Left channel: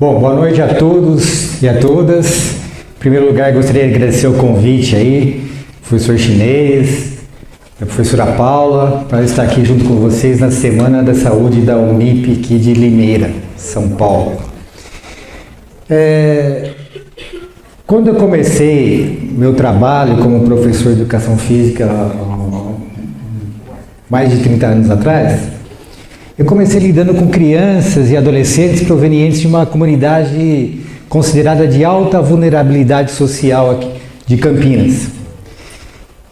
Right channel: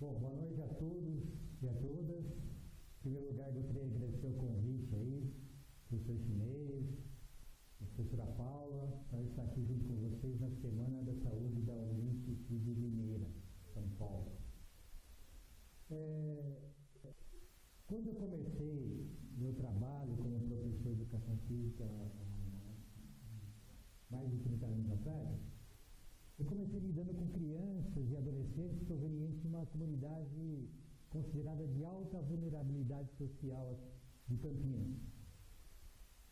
Bom, boa noite a todos e a todas. Em primeiro lugar, gostaria de agradecer o convite aí, professor Chinês, a professora Paula, para estar aqui junto com vocês na Semana da Saúde da Unip aqui de Limeira, São Paulo. Quando eu comecei meu trabalho como professor de Educação Física, mais de 30 anos atrás, eu comecei lidando com crianças e adolescentes provenientes de uma comunidade considerada de alta vulnerabilidade social aqui de Campinas.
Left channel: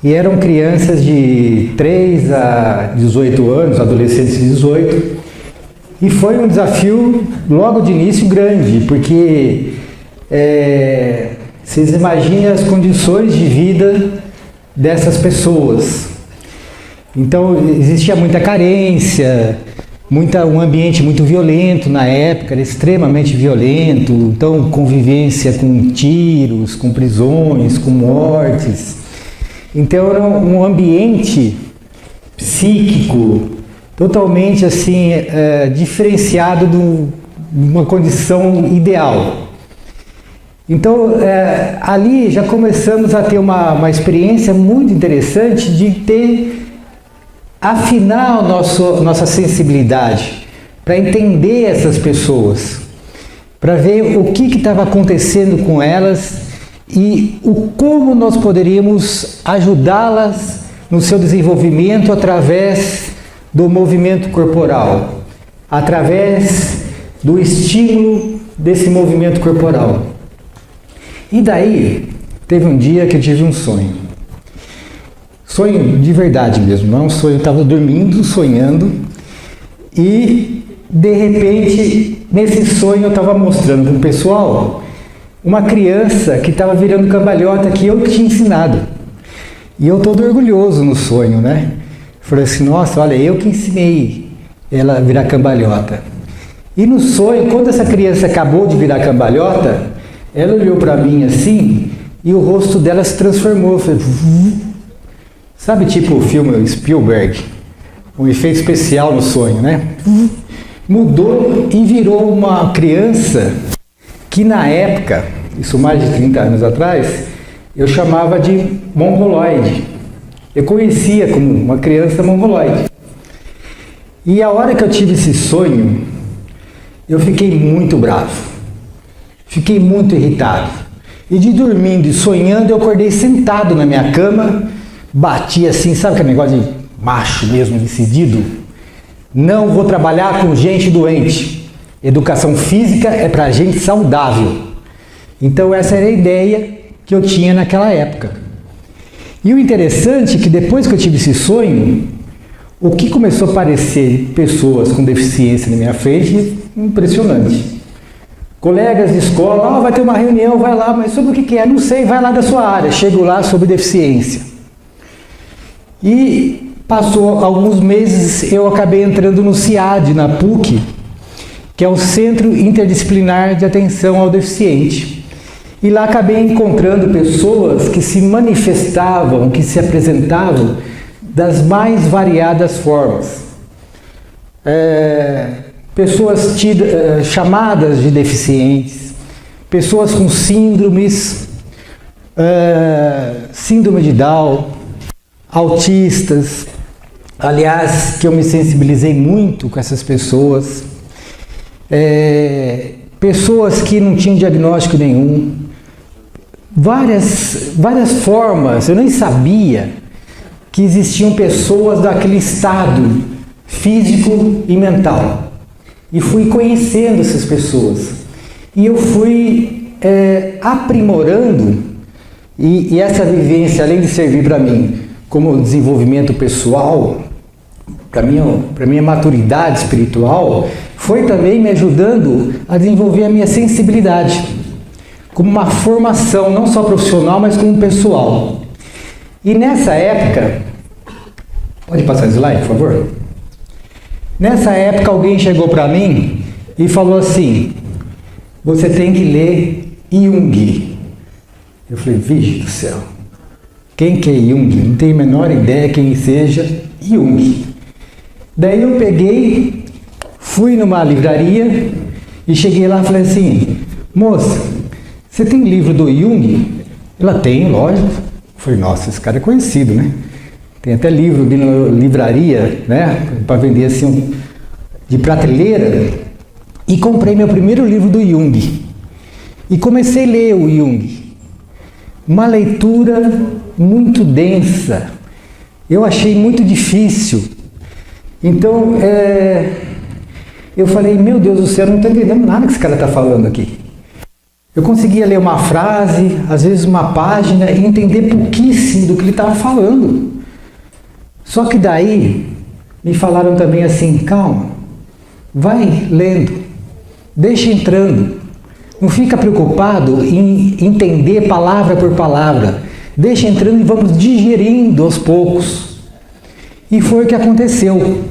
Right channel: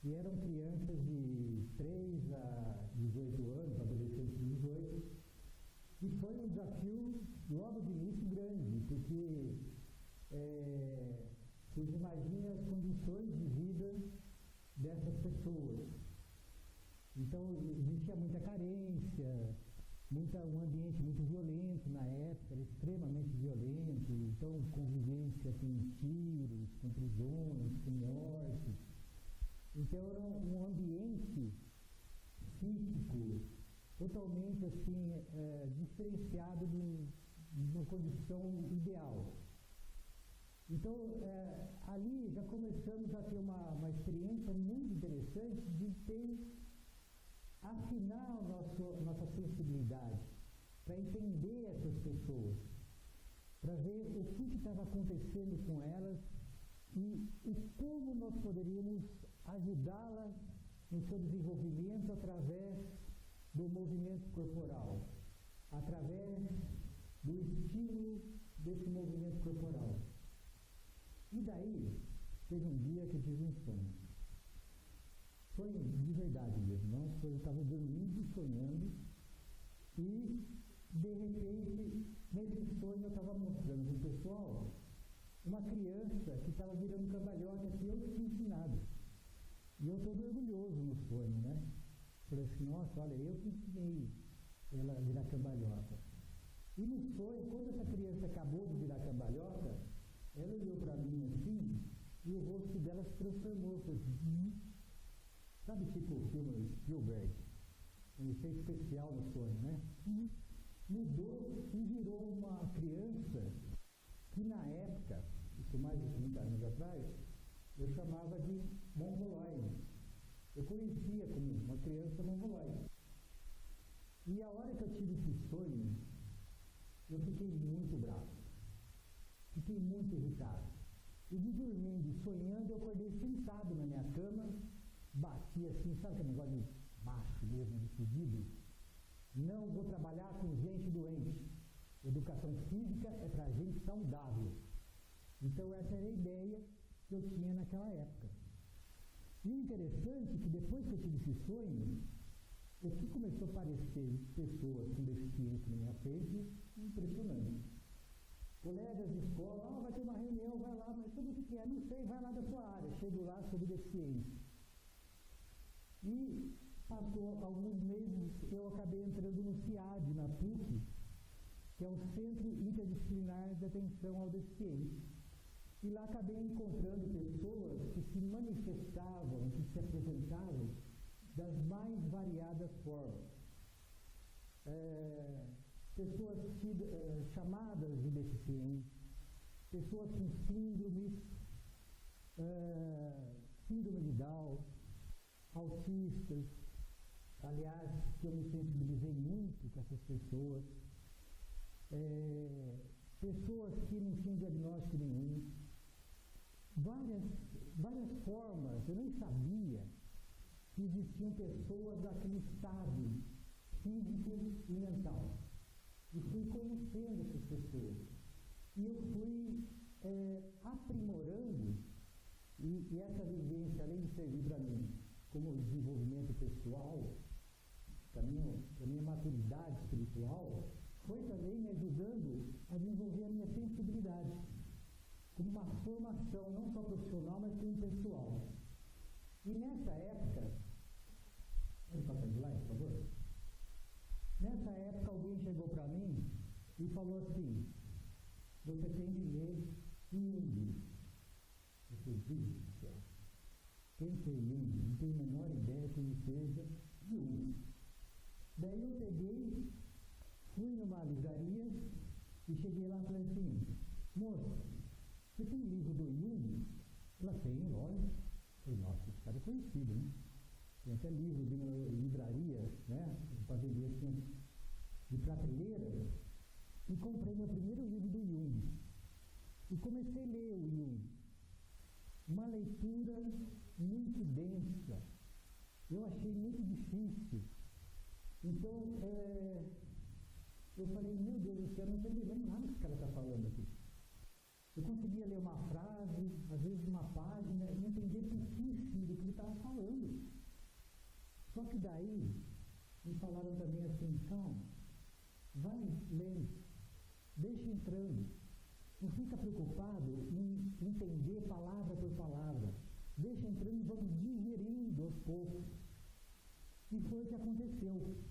E eram crianças de 3 a 18 anos, adolescentes de 18, e foi um desafio logo de início grande, porque vocês imaginem as condições de vida dessas pessoas. Então existia muita carência, um ambiente muito violento na época, era extremamente violento, então convivência com tiros, com prisões, com mortes. Então era um ambiente psíquico totalmente assim diferenciado de uma condição ideal. Então ali já começamos a ter uma experiência muito interessante de ter afinar nossa sensibilidade para entender essas pessoas, para ver o que estava acontecendo com elas e como nós poderíamos ajudá-las no seu desenvolvimento através do movimento corporal, através do estímulo desse movimento corporal. E daí, teve um dia que eu tive um sonho. Sonho de verdade mesmo, não é um sonho, eu estava dormindo, sonhando, e de repente, nesse sonho eu estava mostrando para o pessoal uma criança que estava virando cambalhota que eu tinha ensinado. E eu todo orgulhoso no sonho, né? Falei assim, nossa, olha, eu que ensinei ela a virar cambalhota. E no sonho, quando essa criança acabou de virar cambalhota, ela olhou para mim assim, e o rosto dela se transformou, foi... Sabe, tipo o filme Spielberg, um efeito especial no sonho, né? Mudou e virou uma criança que na época, isso mais de 30 anos atrás, eu chamava de mongoloide. Eu conhecia como uma criança mongoloide. E a hora que eu tive esse sonho, eu fiquei muito bravo, fiquei muito irritado. E de dormindo e sonhando, eu acordei sentado na minha cama, bati assim, sabe aquele negócio de macho mesmo, decidido? Não vou trabalhar com gente doente. Educação física é para gente saudável. Então essa era a ideia que eu tinha naquela época. E o interessante é que depois que eu tive esse sonho, o que começou a aparecer pessoas com deficiência na minha frente, impressionante. Colegas de escola, vai ter uma reunião, vai lá, mas sobre o que é? Não sei, vai lá da sua área. Chego lá sobre deficiência. E passou alguns meses, eu acabei entrando no CIAD, na PUC, que é o Centro Interdisciplinar de Atenção ao Deficiente. E lá acabei encontrando pessoas que se manifestavam, que se apresentavam das mais variadas formas. Pessoas chamadas de deficientes, pessoas com síndromes, síndrome de Down, autistas, aliás, que eu me sensibilizei muito com essas pessoas, pessoas que não tinham diagnóstico nenhum, várias formas, eu nem sabia que existiam pessoas daquele estado físico e mental. E fui conhecendo essas pessoas. E eu fui aprimorando, e essa vivência, além de servir para mim como desenvolvimento pessoal, para minha maturidade espiritual, foi também me ajudando a desenvolver a minha sensibilidade, como uma formação, não só profissional, mas como pessoal. E nessa época, pode passar o slide, por favor? Nessa época alguém chegou para mim e falou assim, você tem que ler Jung. Eu falei, vixe do céu. Quem que é Jung? Não tenho a menor ideia quem seja Jung. Daí eu peguei, fui numa livraria E cheguei lá e falei assim, moça, você tem livro do Jung? Ela tem, lógico. Eu falei, nossa, esse cara é conhecido, né? Tem até livro de livraria, né? Para vender assim, de prateleira. E comprei meu primeiro livro do Jung. E comecei a ler o Jung. Uma leitura muito densa. Eu achei muito difícil. Então, eu falei, meu Deus do céu, eu não estou entendendo nada que esse cara está falando aqui. Eu conseguia ler uma frase, às vezes uma página, e entender pouquíssimo do que ele estava falando. Só que daí, me falaram também assim, calma, vai lendo, deixa entrando. Não fica preocupado em entender palavra por palavra. Deixa entrando e vamos digerindo aos poucos. E foi o que aconteceu.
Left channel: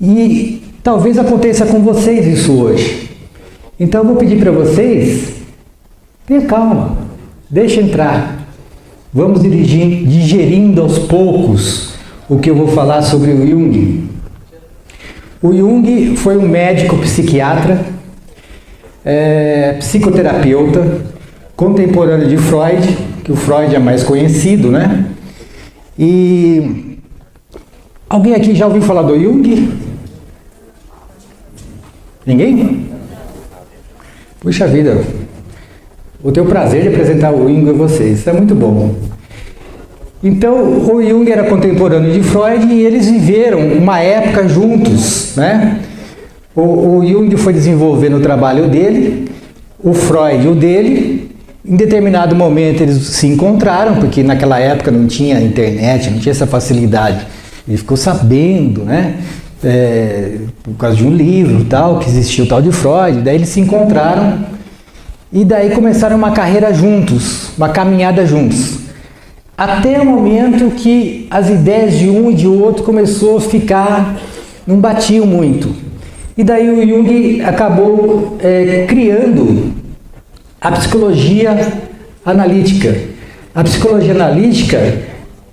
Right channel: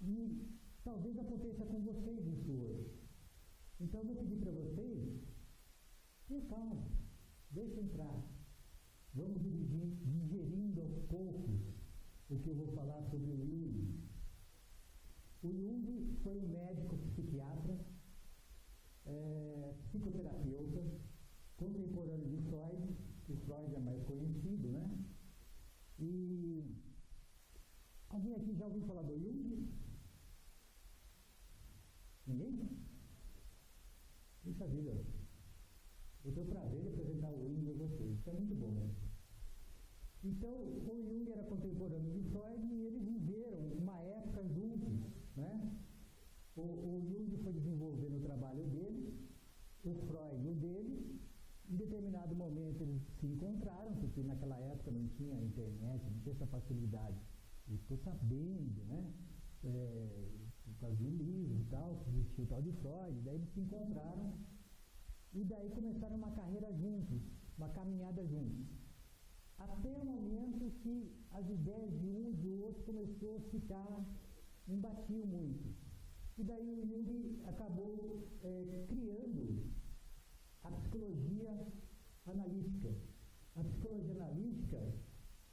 E talvez aconteça com vocês isso hoje. Então eu vou pedir para vocês, tenha calma, deixa entrar. Vamos digerindo aos poucos o que eu vou falar sobre o Jung. O Jung foi um médico psiquiatra, psicoterapeuta, contemporâneo de Freud, que o Freud é mais conhecido, né? E alguém aqui já ouviu falar do Jung? Ninguém? Puxa vida, vou ter o prazer de apresentar o Jung a vocês, isso é muito bom. Então, o Jung era contemporâneo de Freud e eles viveram uma época juntos, né? O Jung foi desenvolvendo o trabalho dele, o Freud o dele. Em determinado momento eles se encontraram, porque naquela época não tinha internet, não tinha essa facilidade. Ele ficou sabendo, né? Por causa de um livro tal, que existia o tal de Freud. Daí eles se encontraram e daí começaram uma carreira juntos, uma caminhada juntos. Até o momento que as ideias de um e de outro começou a ficar, não batiam muito. E daí o Jung acabou criando a psicologia analítica. A psicologia analítica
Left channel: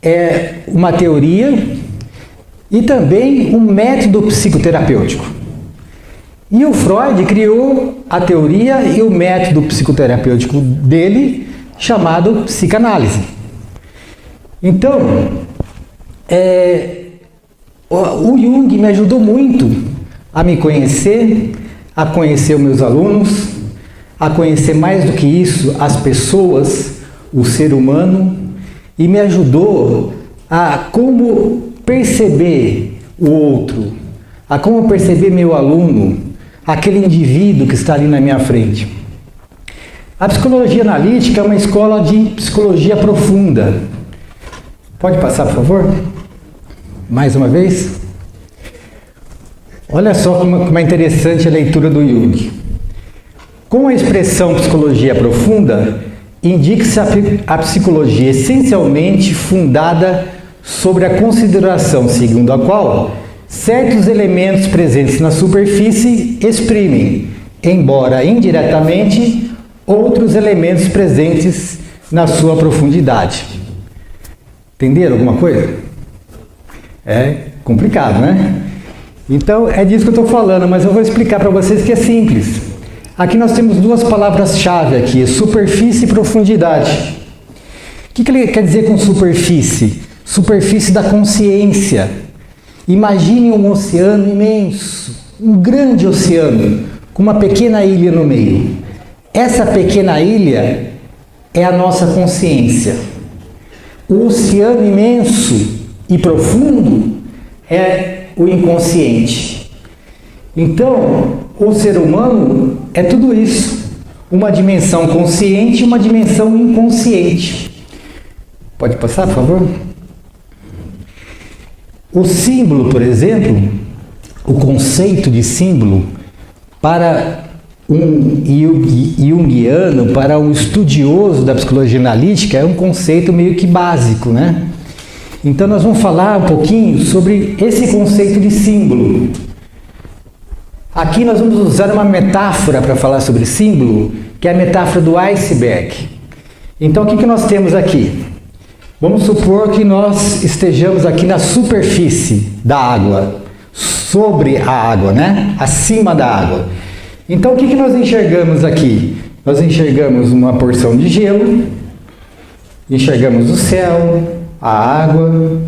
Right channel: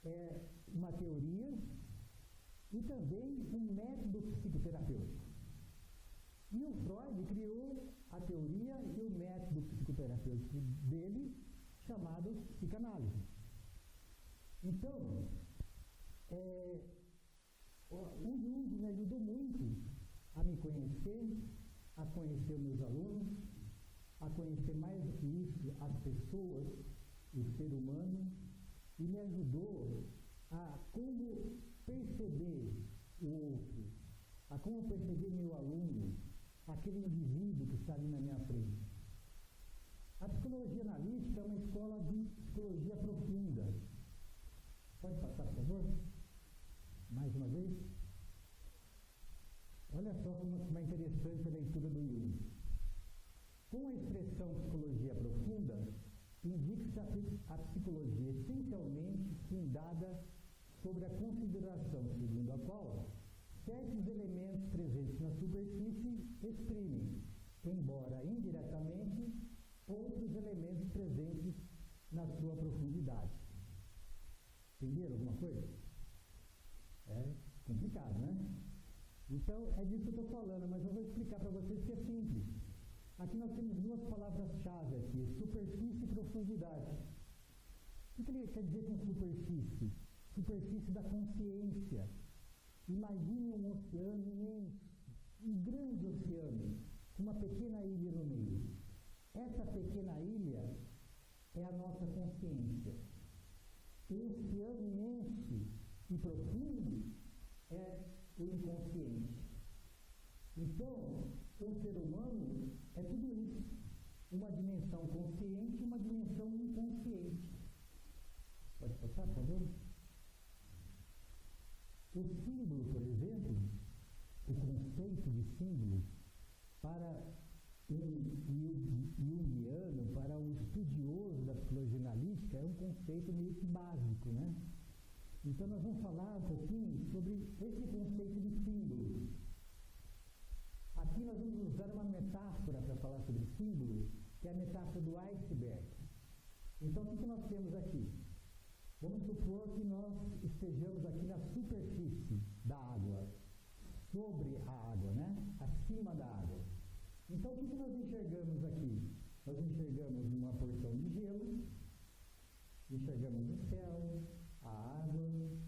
é uma teoria e também um método psicoterapêutico. E o Freud criou a teoria e o método psicoterapêutico dele, chamado psicanálise. Então, o Jung me ajudou muito a me conhecer, a conhecer os meus alunos, a conhecer mais do que isso as pessoas, o ser humano, e me ajudou a como perceber o outro, a como perceber meu aluno, aquele indivíduo que está ali na minha frente. A psicologia analítica é uma escola de psicologia profunda. Pode passar, por favor? Mais uma vez. Olha só como é interessante a leitura do Jung. Com a expressão psicologia profunda, indica-se a psicologia essencialmente fundada sobre a consideração segundo a qual certos elementos presentes na superfície exprimem, embora indiretamente, outros elementos presentes na sua profundidade. Entenderam alguma coisa? É complicado, né? Então, é disso que eu estou falando, mas eu vou explicar para vocês que é simples. Aqui nós temos duas palavras-chave aqui, superfície e profundidade. O que ele quer dizer com superfície? Superfície da consciência. Imagine um oceano imenso, um grande oceano, com uma pequena ilha no meio. Essa pequena ilha é a nossa consciência. O oceano imenso e profundo é o inconsciente. Então, o ser humano é tudo isso. Uma dimensão consciente e uma dimensão inconsciente. Pode passar, por favor? O símbolo, por exemplo, o conceito de símbolo para um junguiano, para um estudioso da psicologia analítica, é um conceito meio que básico, né? Então nós vamos falar um pouquinho sobre esse conceito de símbolo. Aqui nós vamos usar uma metáfora para falar sobre símbolo, que é a metáfora do iceberg. Então o que nós temos aqui? Vamos supor que nós estejamos aqui na superfície da água, sobre a água, né? Acima da água. Então, o que nós enxergamos aqui? Nós enxergamos uma porção de gelo, enxergamos o céu, a água.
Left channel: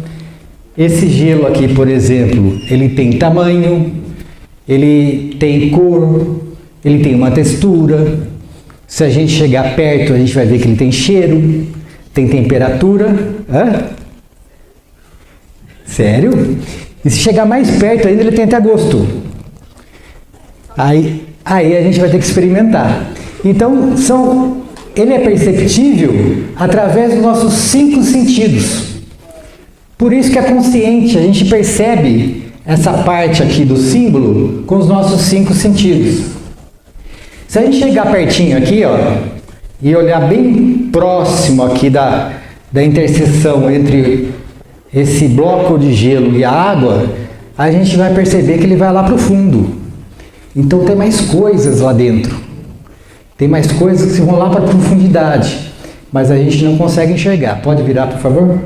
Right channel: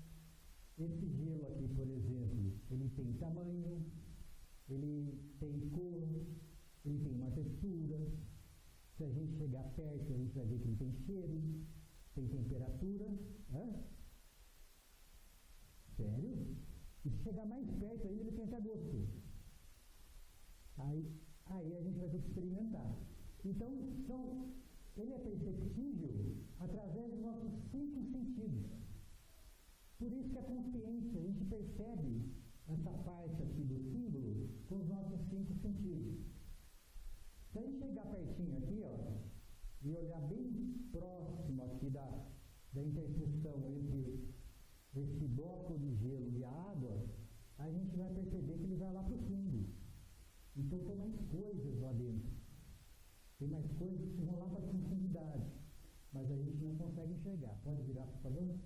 Esse gelo aqui, por exemplo, ele tem tamanho, ele tem cor, ele tem uma textura. Se a gente chegar perto, a gente vai ver que ele tem cheiro, tem temperatura. Hã? Sério? E se chegar mais perto ainda, ele tem até gosto. Aí a gente vai ter que experimentar. Então, ele é perceptível através dos nossos 5 sentidos. Por isso que é consciente, a gente percebe essa parte aqui do símbolo com os nossos 5 sentidos. Se a gente chegar pertinho aqui, ó, e olhar bem próximo aqui da interseção entre esse bloco de gelo e a água, a gente vai perceber que ele vai lá para o fundo. Então tem mais coisas lá dentro. Tem mais coisas que vão lá para a profundidade, mas a gente não consegue enxergar. Pode virar, por favor?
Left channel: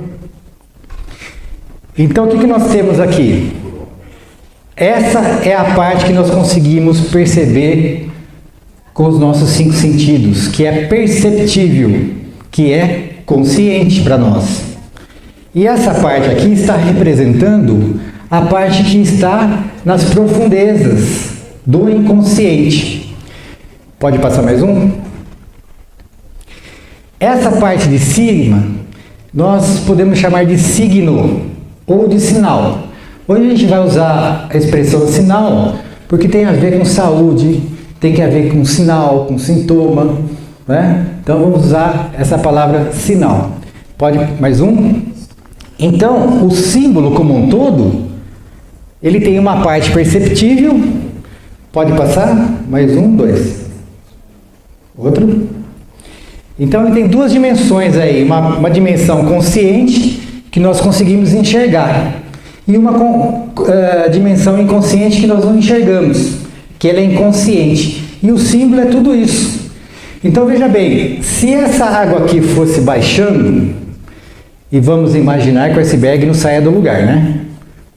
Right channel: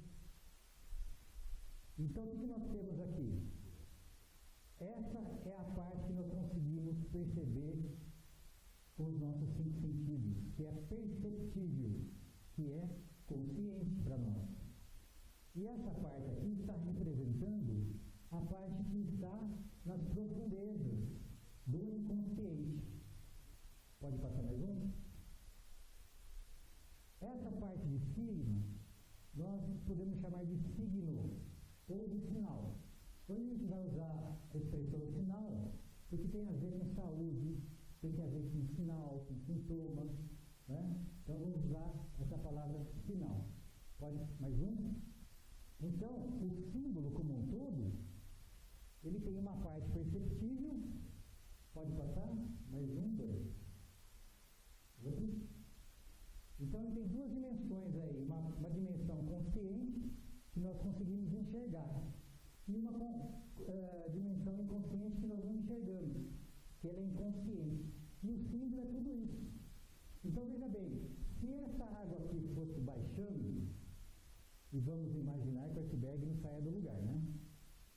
Então o que nós temos aqui? Essa é a parte que nós conseguimos perceber com os nossos 5 sentidos, que é perceptível, que é consciente para nós. E essa parte aqui está representando a parte que está nas profundezas do inconsciente. Pode passar mais um? Essa parte de cima, nós podemos chamar de signo ou de sinal. Hoje a gente vai usar a expressão sinal porque tem a ver com saúde, tem a ver com sinal, com sintoma, né? Então vamos usar essa palavra sinal. Pode mais um? Então, o símbolo como um todo, ele tem uma parte perceptível. Pode passar? Mais um, 2. Outro. Então, ele tem 2 dimensões aí. Uma dimensão consciente, que nós conseguimos enxergar. E uma dimensão inconsciente que nós não enxergamos, que ela é inconsciente. E o símbolo é tudo isso. Então, veja bem, se essa água aqui fosse baixando, e vamos imaginar que o iceberg não saia do lugar, né?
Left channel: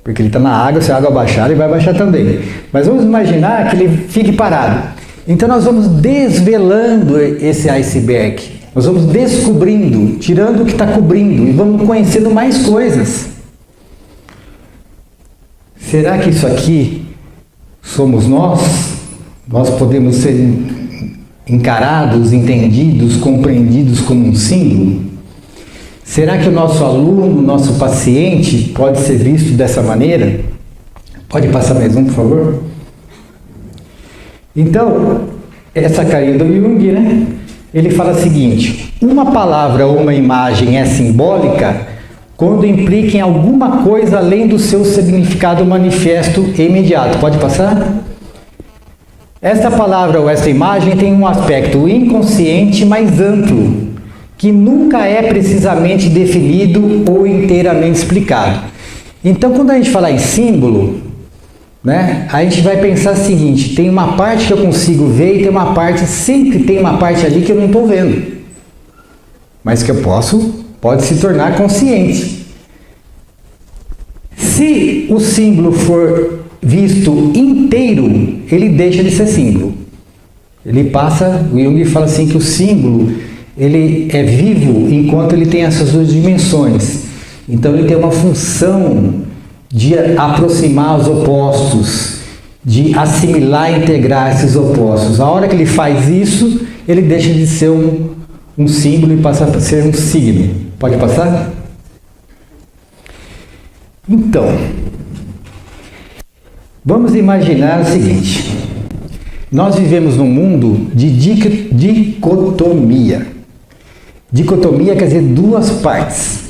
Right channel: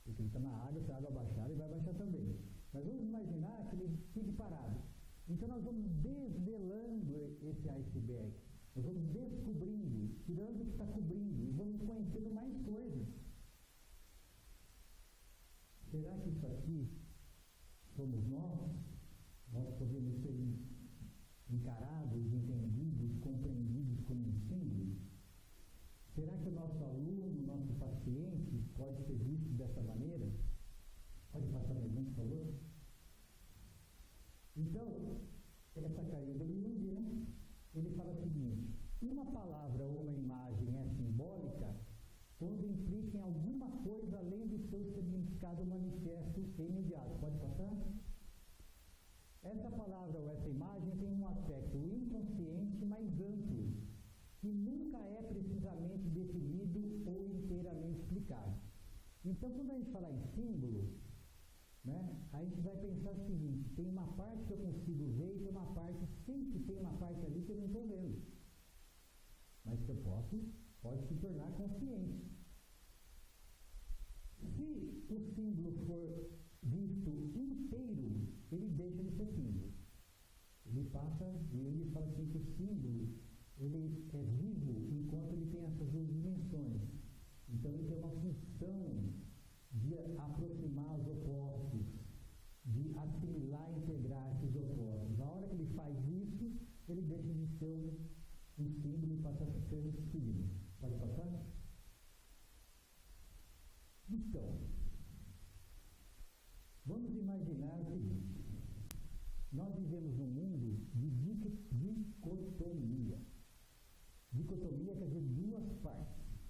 Porque ele está na água, se a água baixar, ele vai baixar também. Mas vamos imaginar que ele fique parado. Então nós vamos desvelando esse iceberg. Nós vamos descobrindo, tirando o que está cobrindo e vamos conhecendo mais coisas. Será que isso aqui somos nós? Nós podemos ser encarados, entendidos, compreendidos como um símbolo? Será que o nosso aluno, nosso paciente, pode ser visto dessa maneira? Pode passar mais um, por favor? Então, essa carinha do Jung, né? Ele fala o seguinte: uma palavra ou uma imagem é simbólica quando implica em alguma coisa além do seu significado manifesto e imediato. Pode passar? Esta palavra ou esta imagem tem um aspecto inconsciente mais amplo, que nunca é precisamente definido ou inteiramente explicado. Então, quando a gente falar em símbolo, né, a gente vai pensar o seguinte: tem uma parte que eu consigo ver e tem uma parte, sempre tem uma parte ali que eu não estou vendo, mas que eu pode se tornar consciente. Se o símbolo for visto inteiro, ele deixa de ser símbolo. Ele passa, o Jung fala assim que o símbolo, ele é vivo enquanto ele tem essas 2 dimensões. Então ele tem uma função de aproximar os opostos, de assimilar e integrar esses opostos. A hora que ele faz isso, ele deixa de ser um símbolo e passa a ser um signo. Pode passar? Então, vamos imaginar o seguinte: nós vivemos num mundo de dicotomia. Dicotomia quer dizer 2 partes.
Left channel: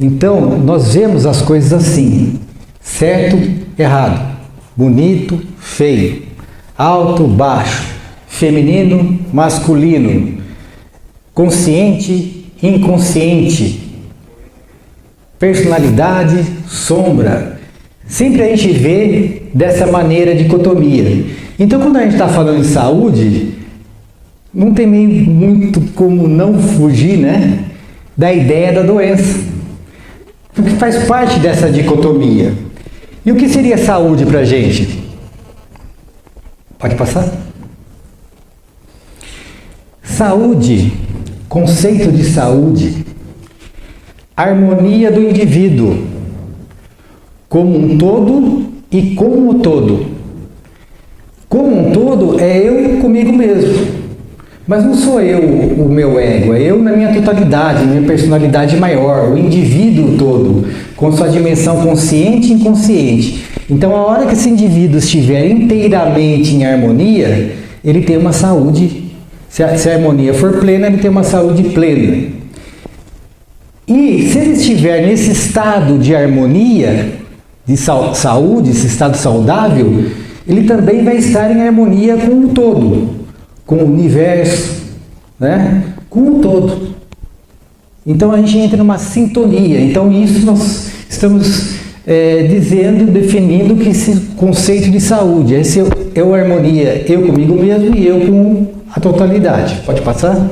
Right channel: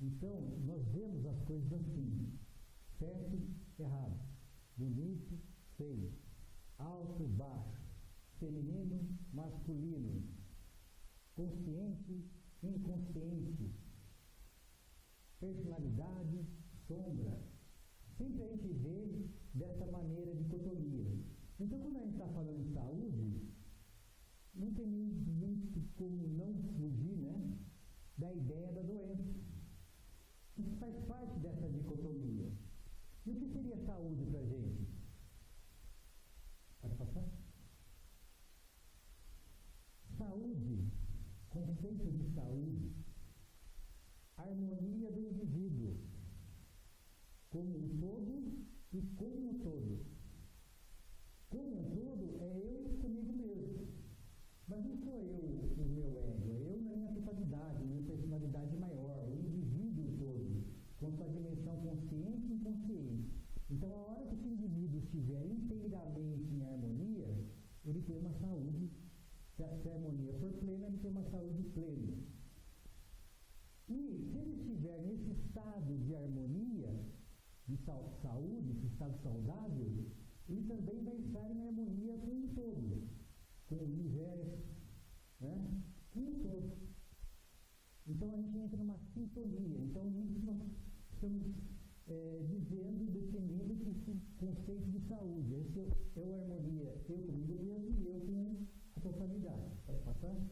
Então, nós vemos as coisas assim: certo, errado, bonito, feio, alto, baixo, feminino, masculino, consciente, inconsciente, personalidade, sombra. Sempre a gente vê dessa maneira dicotomia. Então, quando a gente está falando de saúde, não tem muito como não fugir, né, da ideia da doença, porque faz parte dessa dicotomia. E o que seria saúde para a gente? Pode passar? Saúde, conceito de saúde, harmonia do indivíduo, como um todo e como um todo. Como um todo é eu comigo mesmo, mas não sou eu o meu ego, é eu na minha totalidade, minha personalidade maior, o indivíduo todo, com sua dimensão consciente e inconsciente. Então, a hora que esse indivíduo estiver inteiramente em harmonia, ele tem uma saúde. Se a harmonia for plena, ele tem uma saúde plena. E se ele estiver nesse estado de harmonia, de saúde, esse estado saudável, ele também vai estar em harmonia com o todo, com o universo, né? Com o todo. Então a gente entra numa sintonia. Então isso nós estamos definindo que esse conceito de saúde, esse é a harmonia, eu comigo mesmo e eu com a totalidade. Pode passar?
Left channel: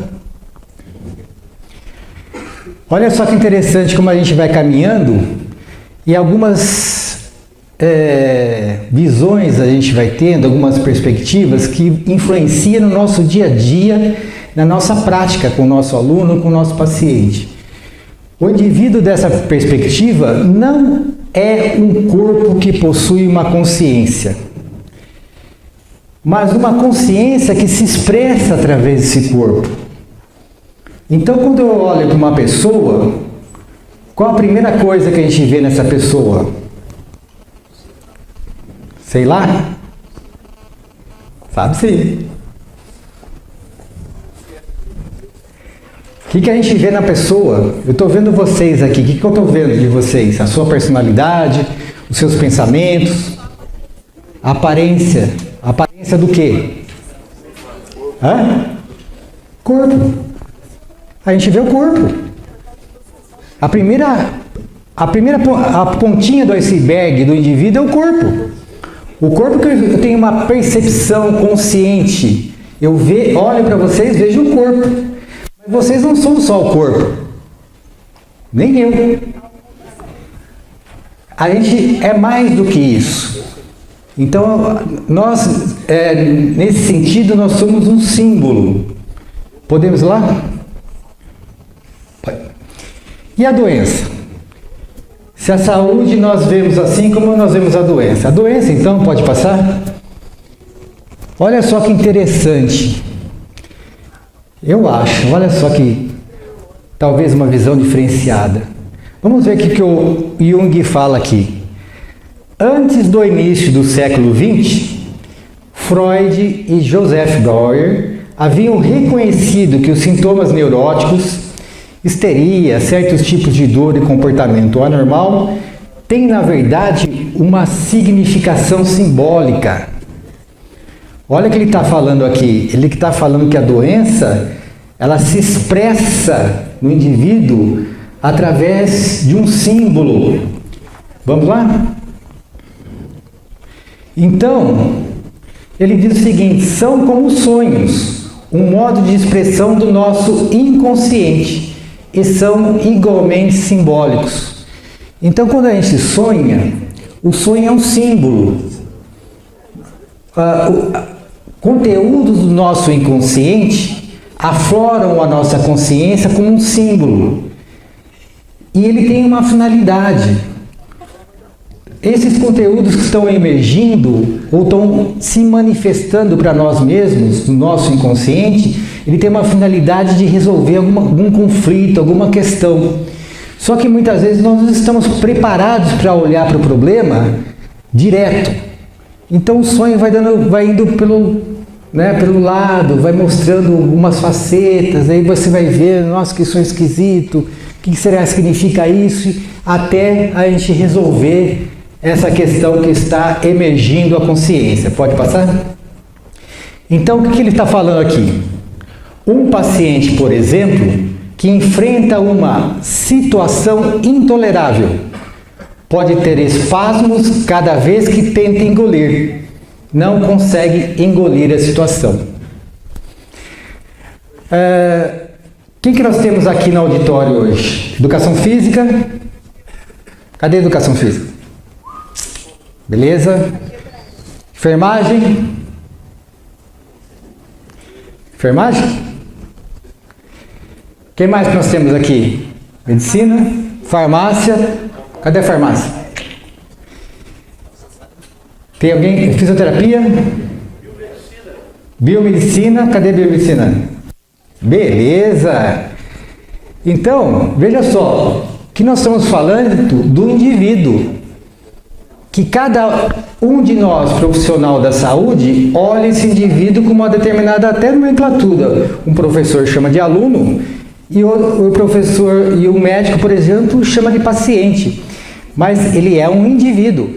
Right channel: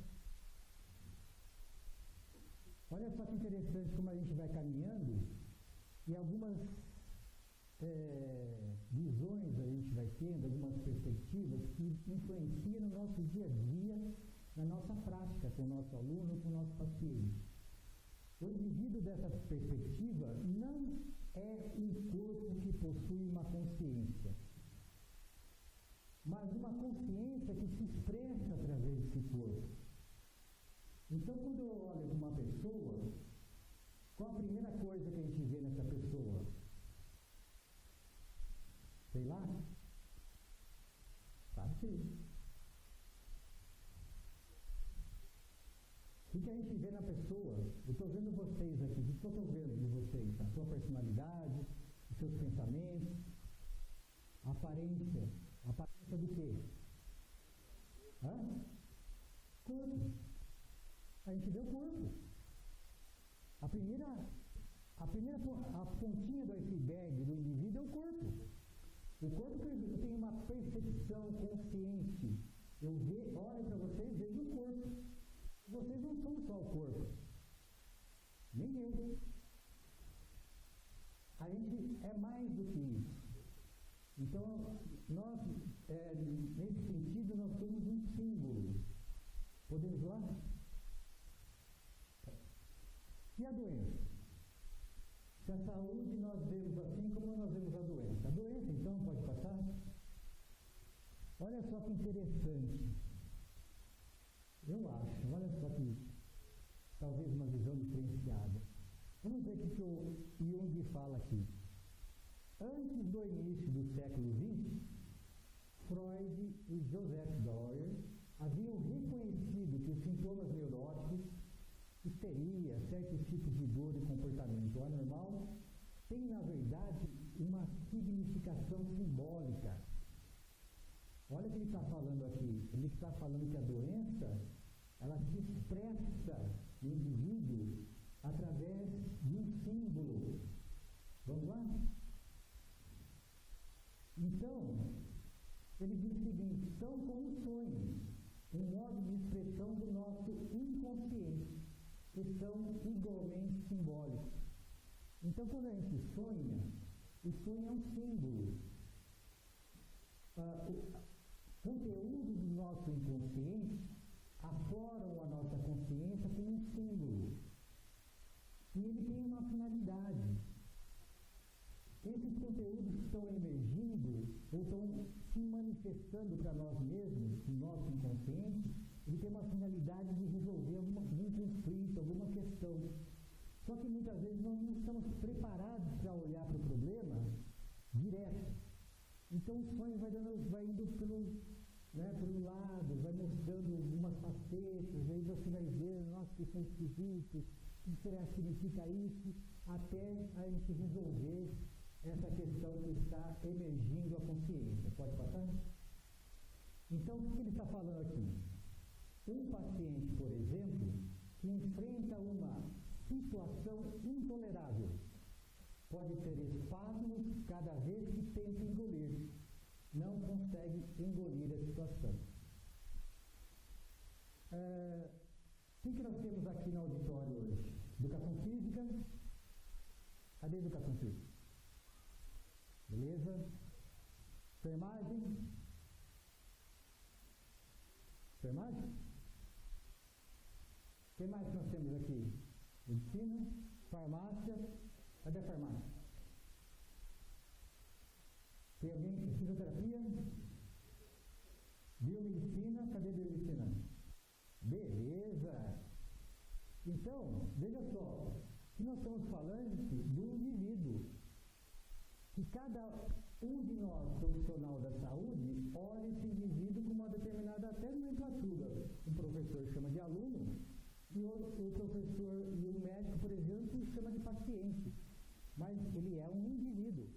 Olha só que interessante como a gente vai caminhando e algumas visões a gente vai tendo, algumas perspectivas que influenciam no nosso dia a dia, na nossa prática com o nosso aluno, com o nosso paciente. O indivíduo dessa perspectiva não é um corpo que possui uma consciência, mas uma consciência que se expressa através desse corpo. Então, quando eu olho para uma pessoa, qual a primeira coisa que a gente vê nessa pessoa? Sei lá? Sabe sim. O que a gente vê na pessoa? Eu estou vendo vocês aqui. O que eu estou vendo de vocês? A sua personalidade, os seus pensamentos, a aparência. A aparência do quê? Corpo. A gente vê o corpo. A pontinha do iceberg do indivíduo é o corpo. O corpo que eu tenho uma percepção consciente. Eu olho para vocês, vejo o corpo. Mas vocês não são só o corpo. Nem eu. A gente é mais do que isso. Então, nós, nesse sentido, nós somos um símbolo. Podemos ir lá? E a doença? Se a saúde nós vemos assim, como nós vemos a doença? A doença, então, pode passar? Olha só que interessante. Eu acho, olha só que talvez uma visão diferenciada. Vamos ver o que o Jung fala aqui. Antes do início do século XX, Freud e Joseph Breuer haviam reconhecido que os sintomas neuróticos, histeria, certos tipos de dor e comportamento anormal, têm, na verdade, uma significação simbólica. Olha o que ele está falando aqui. Ele está falando que a doença, ela se expressa no indivíduo através de um símbolo. Vamos lá? Então, ele diz o seguinte: são como sonhos, um modo de expressão do nosso inconsciente, e são igualmente simbólicos. Então, quando a gente sonha, o sonho é um símbolo. Conteúdos do nosso inconsciente afloram a nossa consciência como um símbolo. E ele tem uma finalidade. Esses conteúdos que estão emergindo ou estão se manifestando para nós mesmos, no nosso inconsciente, ele tem uma finalidade de resolver algum conflito, alguma questão. Só que muitas vezes nós não estamos preparados para olhar para o problema direto. Então o sonho vai indo pelo lado, vai mostrando algumas facetas, aí você vai ver, nossa, que sonho esquisito, o que será que significa isso, até a gente resolver essa questão que está emergindo a consciência. Pode passar? Então, o que ele está falando aqui? Um paciente, por exemplo, que enfrenta uma situação intolerável, pode ter espasmos cada vez que tenta engolir. Não consegue engolir a situação. Quem que nós temos aqui no auditório hoje? Educação física? Cadê a educação física? Beleza? Enfermagem? Enfermagem? Quem mais que nós temos aqui? Medicina, farmácia. Cadê a farmácia? Tem alguém? Fisioterapia? Biomedicina. Cadê a biomedicina? Beleza! Então, veja só, que nós estamos falando do indivíduo. Que cada um de nós, profissional da saúde, olha esse indivíduo com uma determinada até nomenclatura. Um professor chama de aluno e o professor e o médico, por exemplo, chama de paciente. Mas ele é um indivíduo.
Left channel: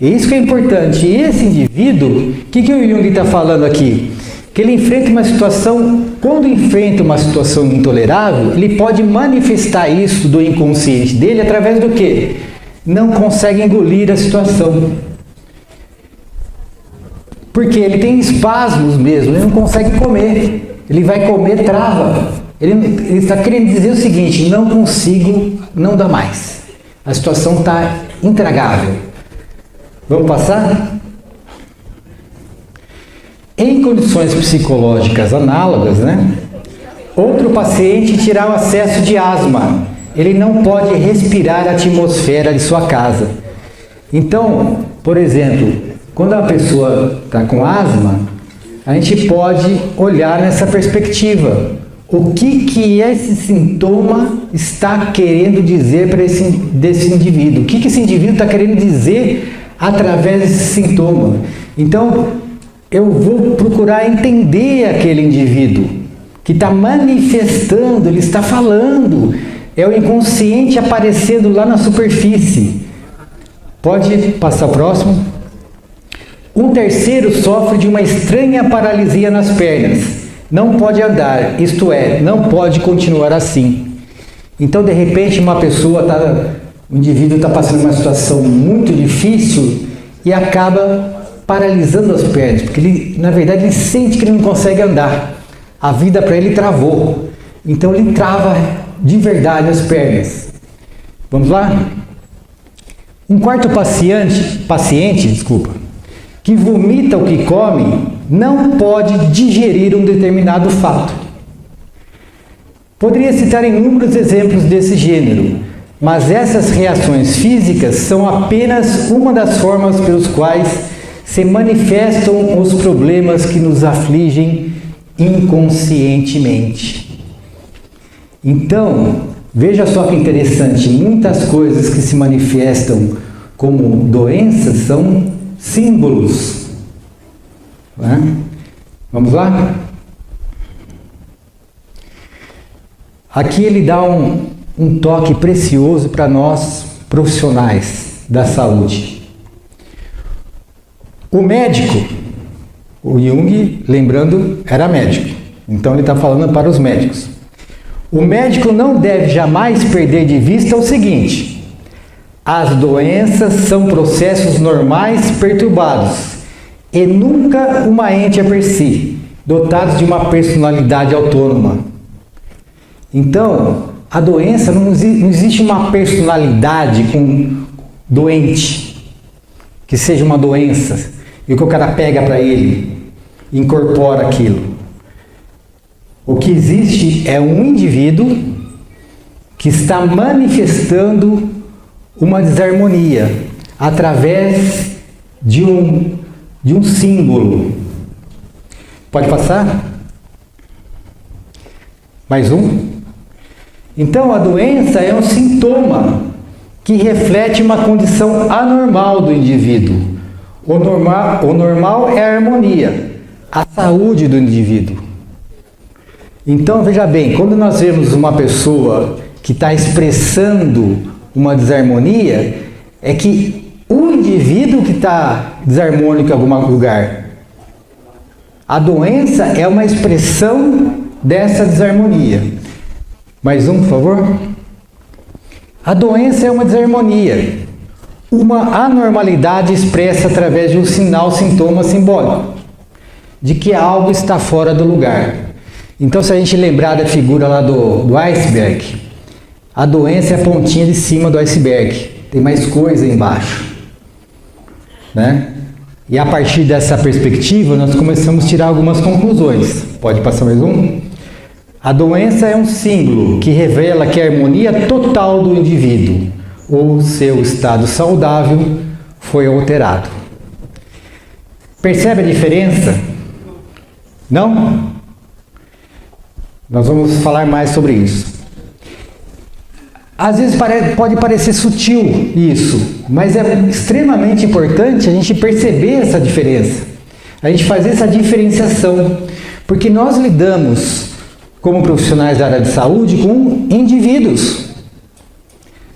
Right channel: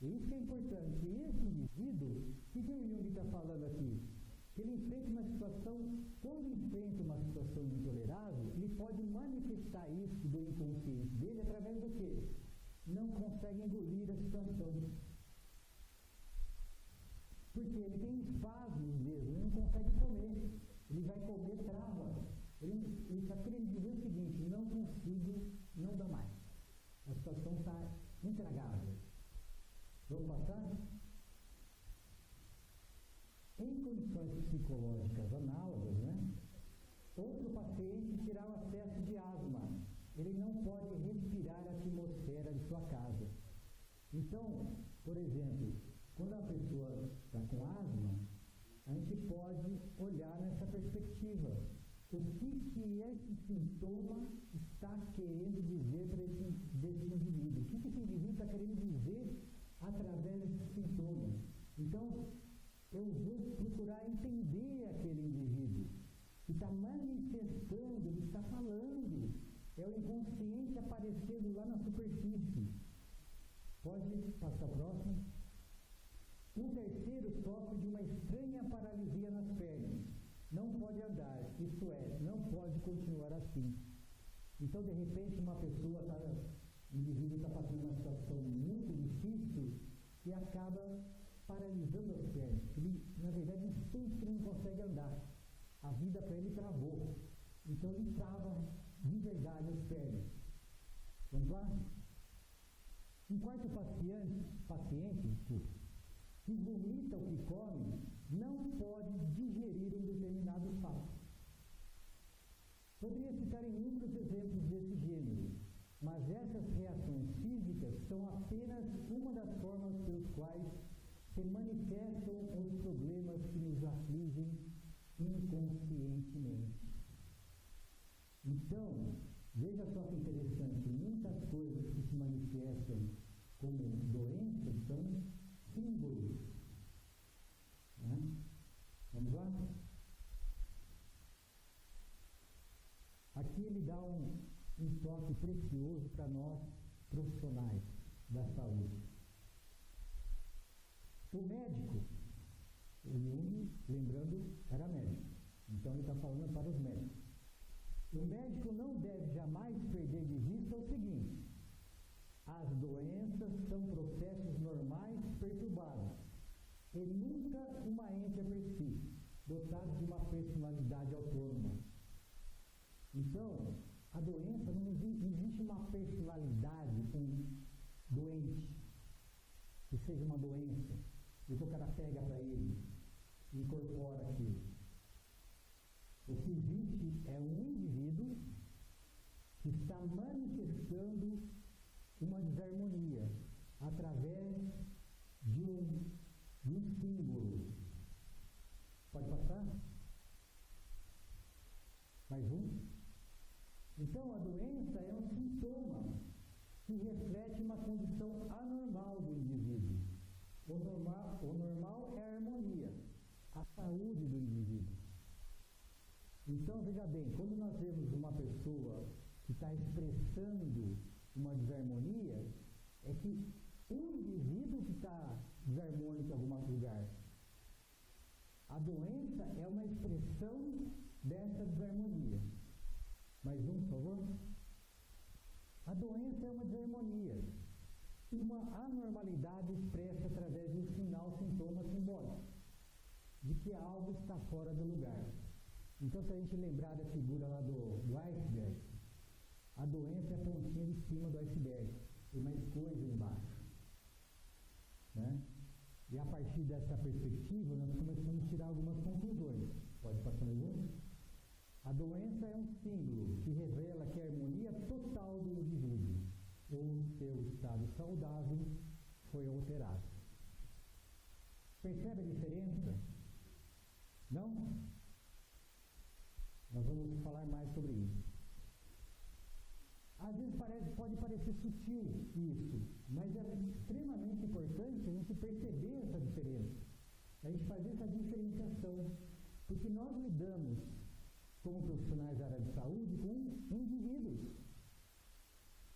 E isso que é importante. E esse indivíduo, o que o Jung está falando aqui? Que ele enfrenta uma situação, quando enfrenta uma situação intolerável, ele pode manifestar isso do inconsciente dele através do quê? Não consegue engolir a situação. Porque ele tem espasmos mesmo, ele não consegue comer. Ele vai comer, trava. Ele está querendo dizer o seguinte: não consigo, não dá mais. A situação está intragável. Vamos passar? Em condições psicológicas análogas, outro paciente terá o acesso de asma. Ele não pode respirar a atmosfera de sua casa. Então, por exemplo, quando a pessoa está com asma, a gente pode olhar nessa perspectiva. O que esse sintoma está querendo dizer para desse indivíduo? O que esse indivíduo está querendo dizer através desse sintoma? Então, eu vou procurar entender aquele indivíduo que está manifestando, ele está falando. É o inconsciente aparecendo lá na superfície. Pode passar o próximo. Um terceiro sofre de uma estranha paralisia nas pernas. Não pode andar, isto é, não pode continuar assim. Então, de repente, o indivíduo está passando uma situação muito difícil e acaba paralisando as pernas, porque ele, na verdade, ele sente que ele não consegue andar. A vida para ele travou. Então, ele trava de verdade as pernas. Vamos lá? Um quarto paciente, que vomita o que come, não pode digerir um determinado fato. Poderia citar inúmeros exemplos desse gênero, mas essas reações físicas são apenas uma das formas pelos quais se manifestam os problemas que nos afligem inconscientemente. Então, veja só que interessante, muitas coisas que se manifestam como doenças são símbolos. Vamos lá? Aqui ele dá um toque precioso para nós profissionais da saúde. O médico, o Jung, lembrando, era médico, então ele está falando para os médicos. O médico não deve jamais perder de vista o seguinte: as doenças são processos normais perturbados e nunca uma ente a per si, dotados de uma personalidade autônoma. Então, a doença, não existe uma personalidade com doente, que seja uma doença, e que o cara pega para ele, incorpora aquilo. O que existe é um indivíduo que está manifestando uma desarmonia através de um símbolo. Pode passar? Mais um? Então, a doença é um sintoma que reflete uma condição anormal do indivíduo. O normal é a harmonia, a saúde do indivíduo. Então, veja bem, quando nós vemos uma pessoa que está expressando uma desarmonia, é que o indivíduo que está desarmônico em algum lugar. A doença é uma expressão dessa desarmonia. Mais um, por favor. A doença é uma desarmonia, uma anormalidade expressa através de um sintoma simbólico, de que algo está fora do lugar. Então, se a gente lembrar da figura lá do iceberg, a doença é a pontinha de cima do iceberg, tem mais coisa embaixo, E a partir dessa perspectiva, nós começamos a tirar algumas conclusões. Pode passar mais um? A doença é um símbolo que revela que a harmonia total do indivíduo ou seu estado saudável foi alterado. Percebe a diferença? Não? Nós vamos falar mais sobre isso. Às vezes pode parecer sutil isso, mas é extremamente importante a gente perceber essa diferença, a gente fazer essa diferenciação, porque nós lidamos, como profissionais da área de saúde, com indivíduos.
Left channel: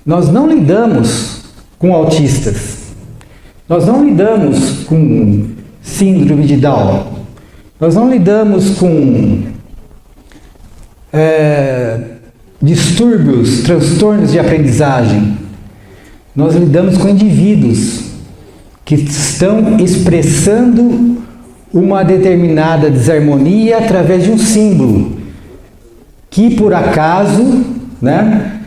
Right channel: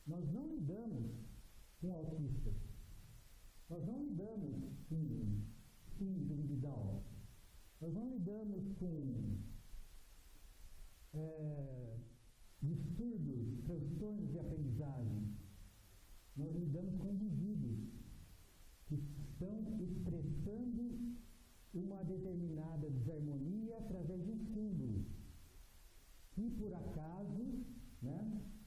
Nós não lidamos com autistas, nós não lidamos com síndrome de Down, nós não lidamos com distúrbios, transtornos de aprendizagem. Nós lidamos com indivíduos que estão expressando uma determinada desarmonia através de um símbolo, que por acaso, né,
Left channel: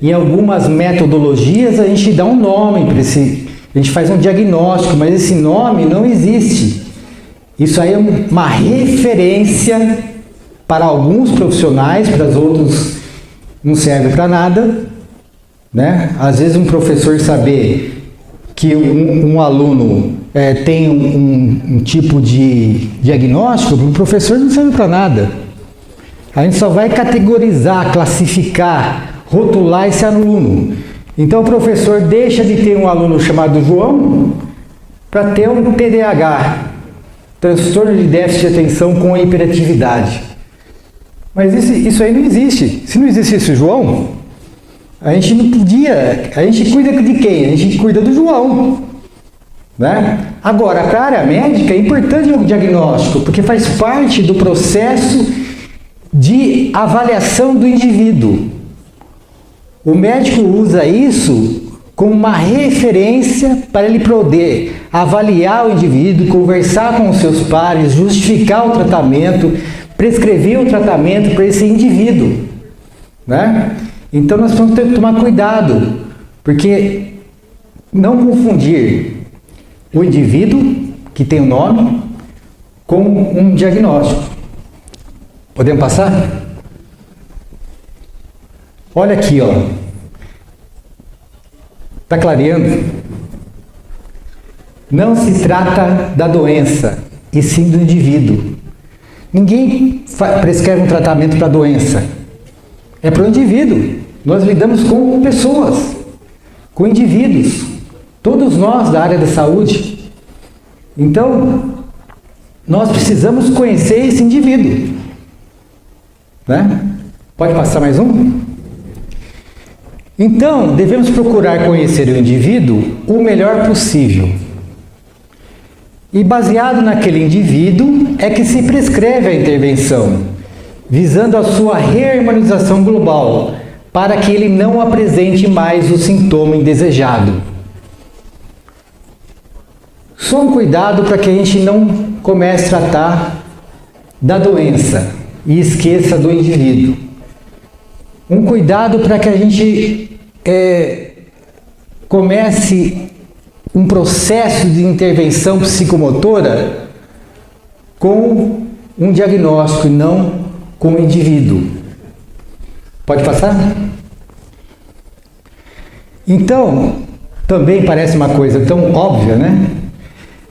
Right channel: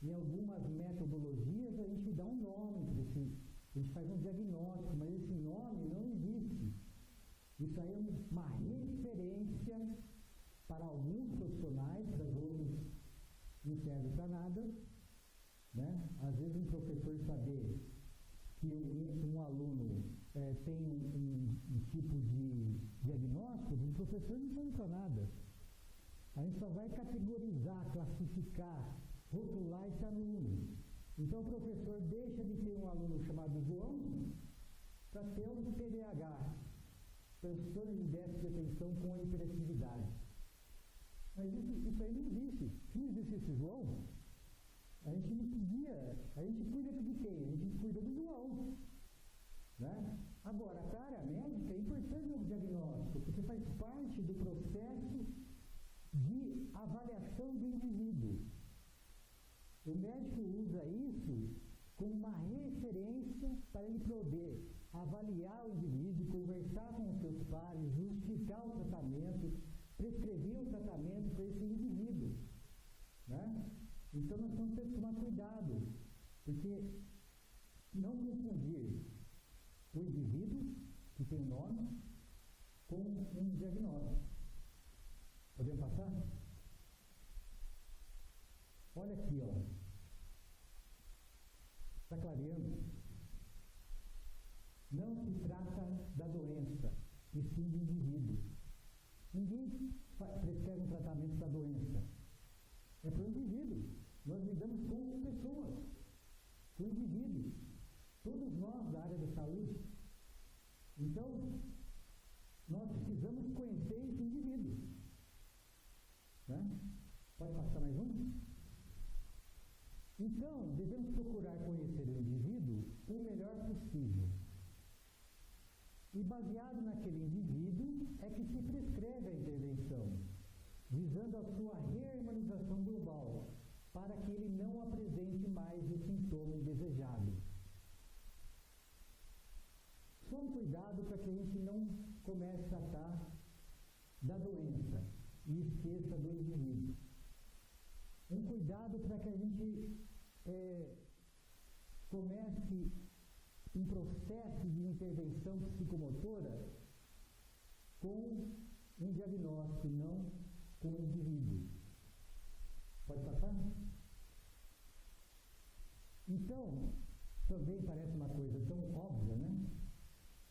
em algumas metodologias a gente dá um nome para esse, a gente faz um diagnóstico, mas esse nome não existe. Isso aí é uma referência para alguns profissionais, para os outros não serve para nada, né? Às vezes um professor saber que um aluno tem um tipo de diagnóstico, para o professor não serve para nada. A gente só vai categorizar, classificar, rotular esse aluno. Então o professor deixa de ter um aluno chamado João para ter um TDAH, transtorno de déficit de atenção com hiperatividade. Mas isso aí não existe. Se não existisse o João, a gente não podia. A gente cuida de quem? A gente cuida do João, né? Agora, para a área médica é importante o diagnóstico, porque faz parte do processo de avaliação do indivíduo. O médico usa isso como uma referência para ele poder avaliar o indivíduo, conversar com os seus pares, justificar o tratamento, prescrever o tratamento para esse indivíduo, né? Então nós temos que tomar cuidado, porque não confundir o indivíduo que tem o nome com um diagnóstico. Podemos passar? Olha aqui, ó. Está clareando? Não se trata da doença, e sim do indivíduo. Ninguém prescreve um tratamento para a doença. É para o indivíduo. Nós lidamos com pessoas, com indivíduos. Todos nós da área da saúde. Então, nós precisamos conhecer esse indivíduo, né? Pode passar mais um? Então, devemos procurar conhecer o indivíduo o melhor possível. E baseado naquele indivíduo é que se prescreve a intervenção, visando a sua reharmonização global, para que ele não apresente mais o sintoma indesejado. Só um cuidado para que a gente não comece a tratar da doença e esqueça do indivíduo. Um cuidado para que a gente comece um processo de intervenção psicomotora com um diagnóstico e não com o indivíduo. Pode passar? Então, também parece uma coisa tão óbvia, né?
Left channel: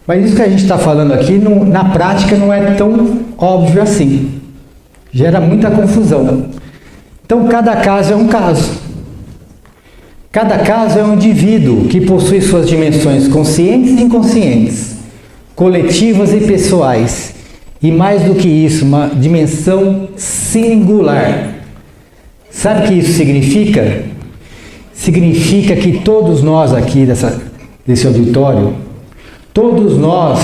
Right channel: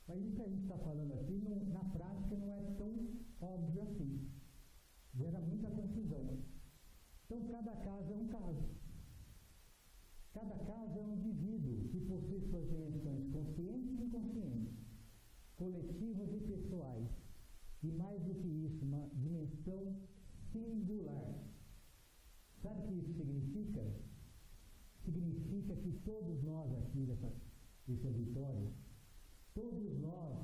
Mas isso que a gente está falando aqui, na prática, não é tão óbvio assim. Gera muita confusão. Então, cada caso é um caso. Cada caso é um indivíduo que possui suas dimensões conscientes e inconscientes, coletivas e pessoais, e mais do que isso, uma dimensão singular. Sabe o que isso significa? Significa que todos nós aqui desse auditório, todos nós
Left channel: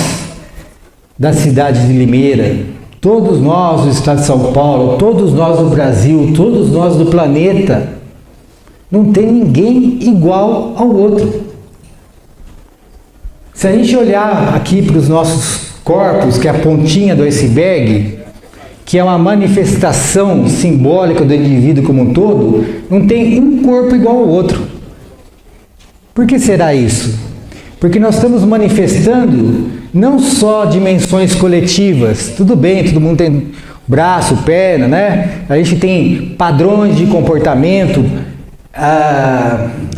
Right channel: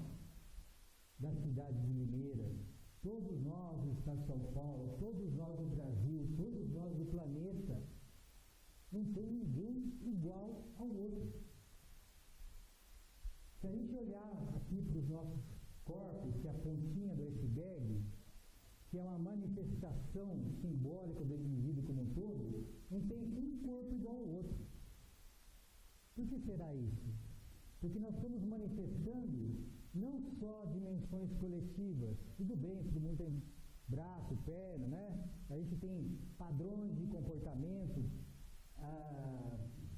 da cidade de Limeira, todos nós do estado de São Paulo, todos nós do Brasil, todos nós do planeta, não tem ninguém igual ao outro. Se a gente olhar aqui para os nossos corpos, que é a pontinha do iceberg, que é uma manifestação simbólica do indivíduo como um todo, não tem um corpo igual ao outro. Por que será isso? Porque nós estamos manifestando não só dimensões coletivas, tudo bem, todo mundo tem braço, perna, né? A gente tem padrões de comportamento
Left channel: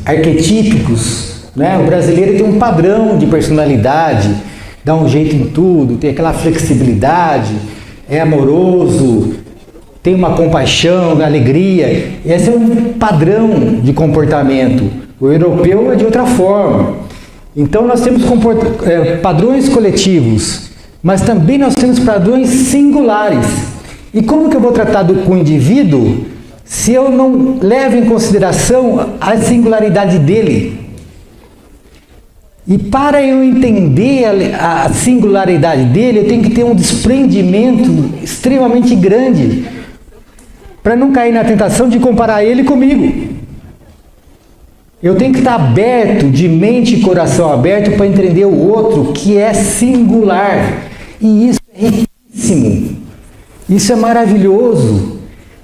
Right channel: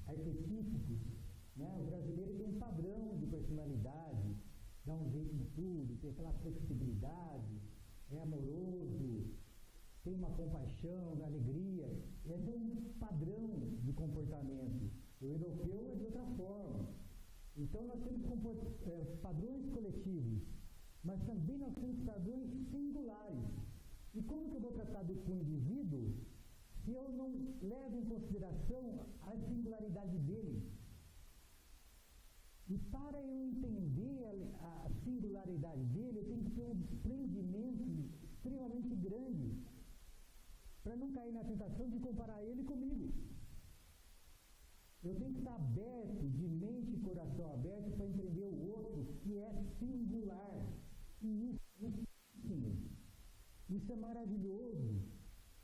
arquetípicos, né? O brasileiro tem um padrão de personalidade, dá um jeito em tudo, tem aquela flexibilidade, é amoroso, tem uma compaixão, alegria. Esse é um padrão de comportamento. O europeu é de outra forma. Então nós temos padrões coletivos, mas também nós temos padrões singulares. E como que eu vou tratar com o indivíduo se eu não levo em consideração a singularidade dele? E para eu entender a singularidade dele, eu tenho que ter um desprendimento extremamente grande para não cair na tentação de comparar ele comigo. Eu tenho que estar aberto, de mente e coração aberto, para entender o outro que é singular. E isso é riquíssimo. Isso é maravilhoso.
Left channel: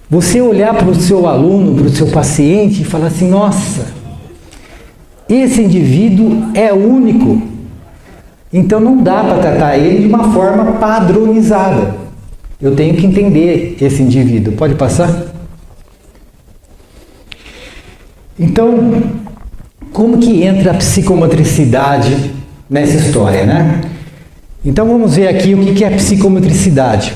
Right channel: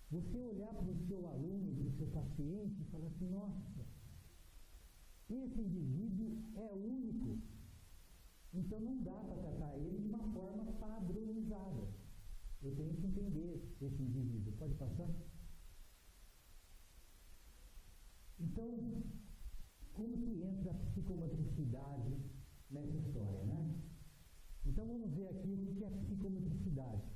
Você olhar para o seu aluno, para o seu paciente e falar assim, nossa, esse indivíduo é único. Então não dá para tratar ele de uma forma padronizada. Eu tenho que entender esse indivíduo. Pode passar? Então, como que entra a psicomotricidade nessa história, né? Então vamos ver aqui o que é a psicomotricidade.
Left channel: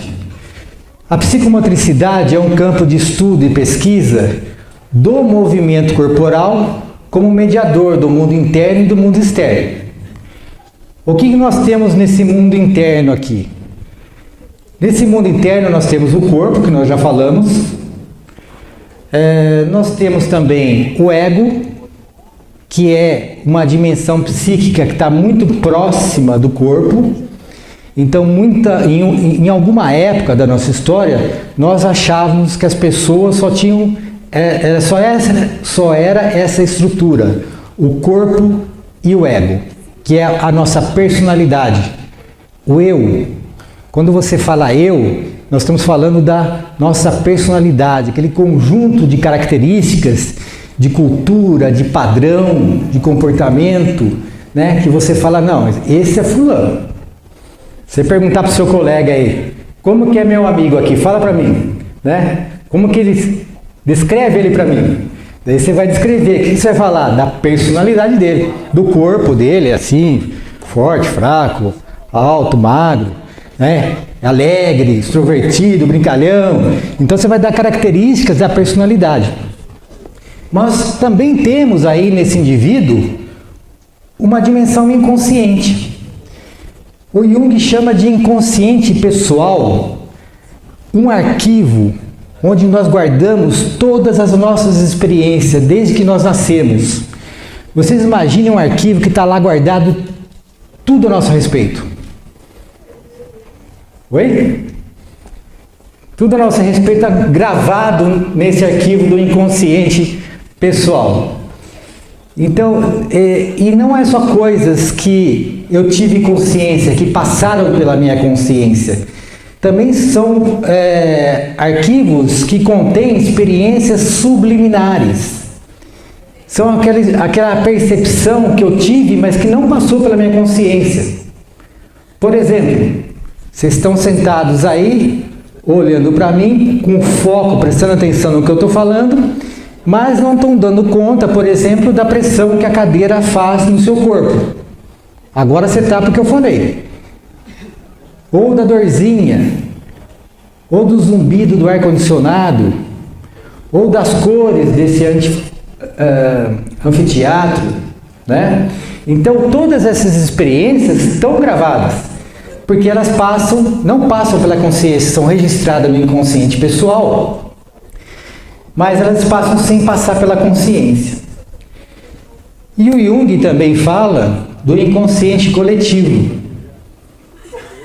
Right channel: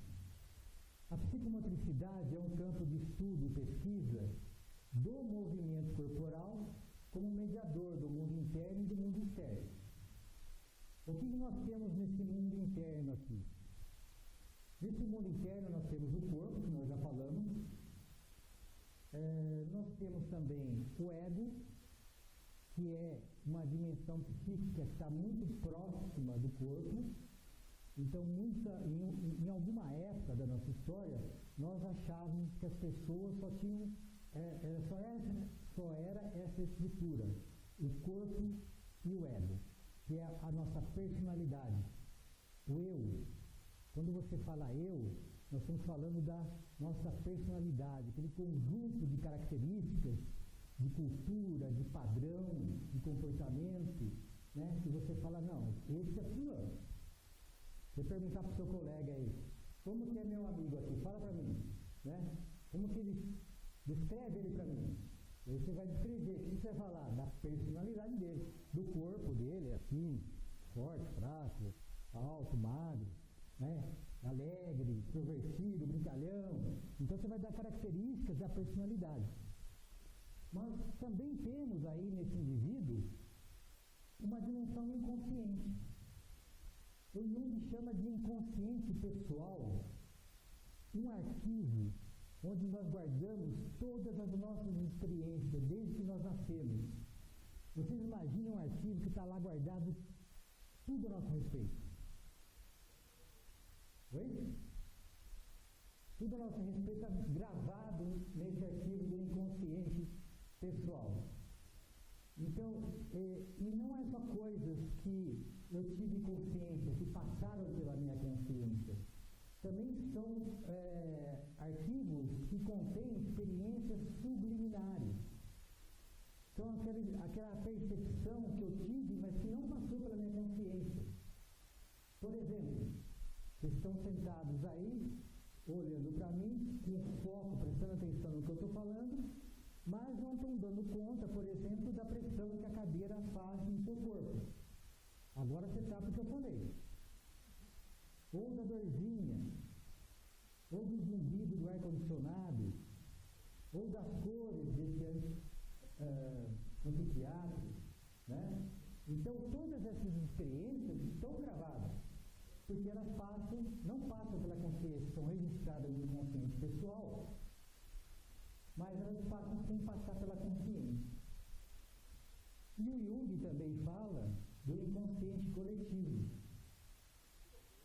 A psicomotricidade é um campo de estudo e pesquisa do movimento corporal como mediador do mundo interno e do mundo externo. O que nós temos nesse mundo interno aqui? Nesse mundo interno nós temos o corpo, que nós já falamos. Nós temos também o ego, que é uma dimensão psíquica que está muito próxima do corpo. Então, em alguma época da nossa história, nós achávamos que as pessoas só tinham, só era essa estrutura, o corpo e o ego, que é a nossa personalidade, o eu. Quando você fala eu, nós estamos falando da nossa personalidade, aquele conjunto de características, de cultura, de padrão, de comportamento, né? Que você fala, não, esse é fulano. Você perguntar para o seu colega aí, como que é meu amigo aqui? Fala para mim, né? Como que ele... Descreve ele para mim. Daí você vai descrever, o que você vai falar? Da personalidade dele, do corpo dele, assim, forte, fraco, alto, magro, né? Alegre, extrovertido, brincalhão. Então você vai dar características da personalidade. Mas também temos aí nesse indivíduo uma dimensão inconsciente. O Jung chama de inconsciente pessoal um arquivo onde nós guardamos todas as nossas experiências desde que nós nascemos. Vocês imaginem um arquivo que está lá guardado tudo a nosso respeito. Oi? Tudo a nosso respeito está gravado nesse arquivo do inconsciente pessoal. Então, e não é só coisas que eu tive consciência, que passaram pela minha consciência. Também são arquivos que contêm experiências subliminares. São aquela percepção que eu tive, mas que não passou pela minha consciência. Por exemplo, vocês estão sentados aí, olhando para mim, com foco, prestando atenção no que eu estou falando, mas não estão dando conta, por exemplo, da pressão que a cadeira faz no seu corpo. Agora você está porque eu falei. Ou da dorzinha, ou do zumbido do ar-condicionado, ou das cores desse anfiteatro, né? Então todas essas experiências estão gravadas, porque elas não passam pela consciência, são registradas no inconsciente pessoal, mas elas passam sem passar pela consciência. E o Jung também fala do inconsciente coletivo.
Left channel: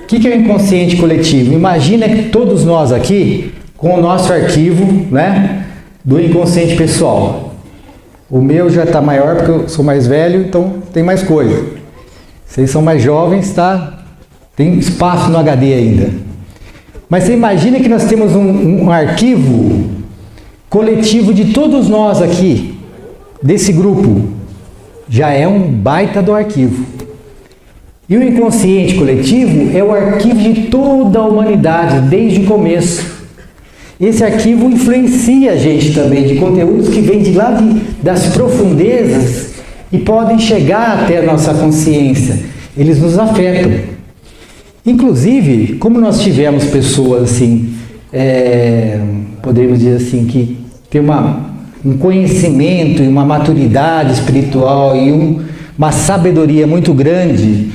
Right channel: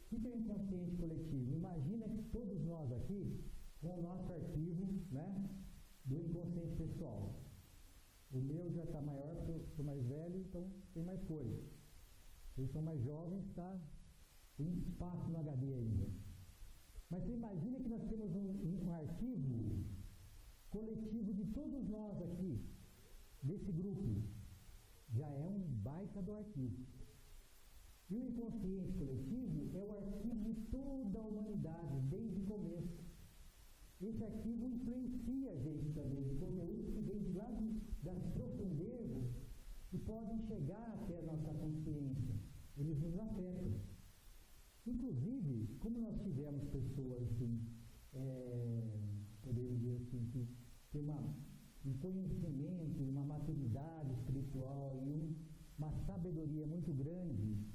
O que é o inconsciente coletivo? Imagina que todos nós aqui, com o nosso arquivo, né, do inconsciente pessoal. O meu já está maior porque eu sou mais velho, então tem mais coisa. Vocês são mais jovens, tá? Tem espaço no HD ainda. Mas você imagina que nós temos um arquivo coletivo de todos nós aqui, desse grupo. Já é um baita do arquivo. E o inconsciente coletivo é o arquivo de toda a humanidade, desde o começo. esse arquivo influencia a gente também de conteúdos que vêm de lá das profundezas e podem chegar até a nossa consciência. Eles nos afetam. Inclusive, como nós tivemos pessoas assim, poderíamos dizer assim, que tem um conhecimento e uma maturidade espiritual e uma sabedoria muito grande,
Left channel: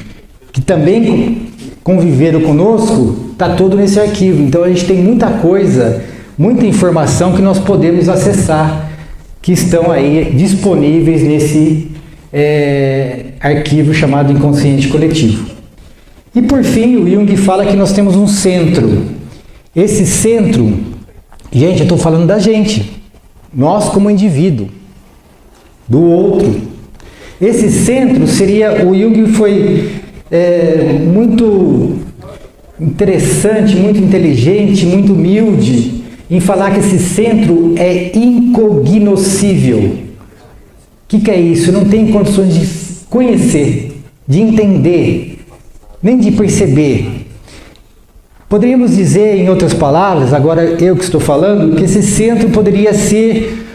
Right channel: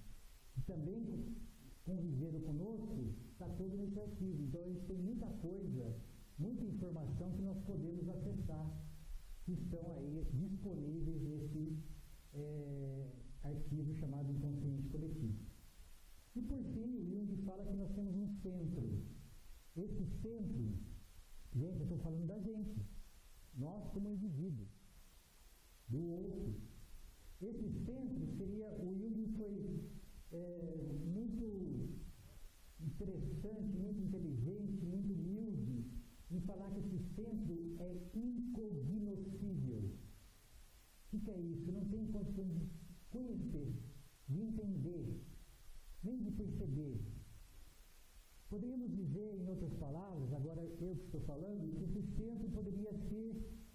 que também conviveram conosco, está tudo nesse arquivo. Então a gente tem muita coisa, muita informação que nós podemos acessar, que estão aí disponíveis nesse arquivo chamado inconsciente coletivo. E por fim, o Jung fala que nós temos um centro. Esse centro, gente, eu estou falando da gente, nós como indivíduo, do outro. Esse centro seria, o Jung foi muito interessante, muito inteligente, muito humilde em falar que esse centro é incognoscível. O que é isso? Não tem condições de conhecer, de entender, nem de perceber. Poderíamos dizer, em outras palavras, agora eu que estou falando, que esse centro poderia ser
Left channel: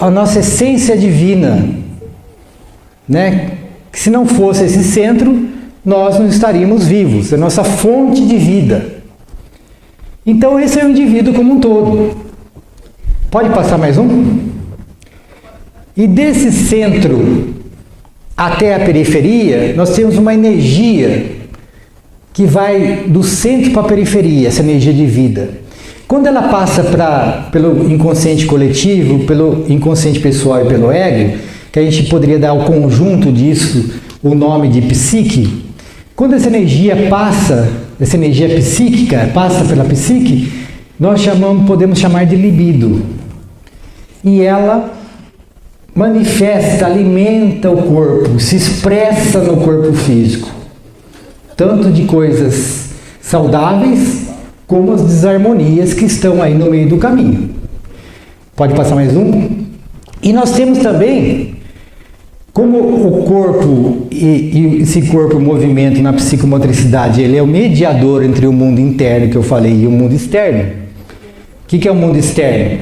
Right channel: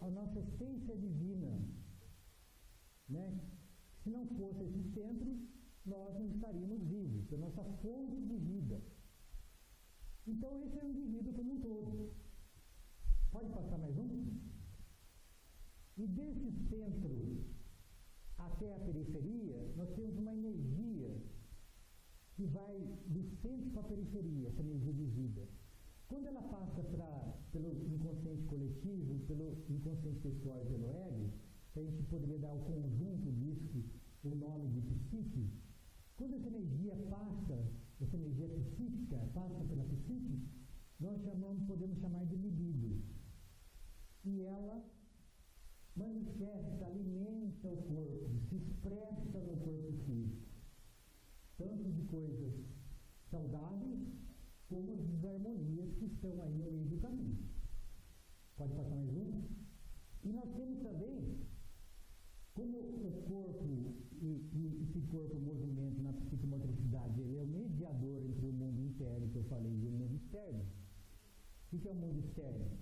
a nossa essência divina, né? Que se não fosse esse centro, nós não estaríamos vivos, é a nossa fonte de vida. Então esse é o indivíduo como um todo. Pode passar mais um? E desse centro até a periferia, nós temos uma energia que vai do centro para a periferia, essa energia de vida. Quando ela passa pelo inconsciente coletivo, pelo inconsciente pessoal e pelo ego, que a gente poderia dar ao conjunto disso o nome de psique, quando essa energia passa, essa energia psíquica passa pela psique, nós podemos chamar de libido. E ela manifesta, alimenta o corpo, se expressa no corpo físico. Tanto de coisas saudáveis, como as desarmonias que estão aí no meio do caminho. Pode passar mais um? E nós temos também, como o corpo e esse corpo, o movimento na psicomotricidade, ele é o mediador entre o mundo interno que eu falei e o mundo externo. O que é o mundo externo?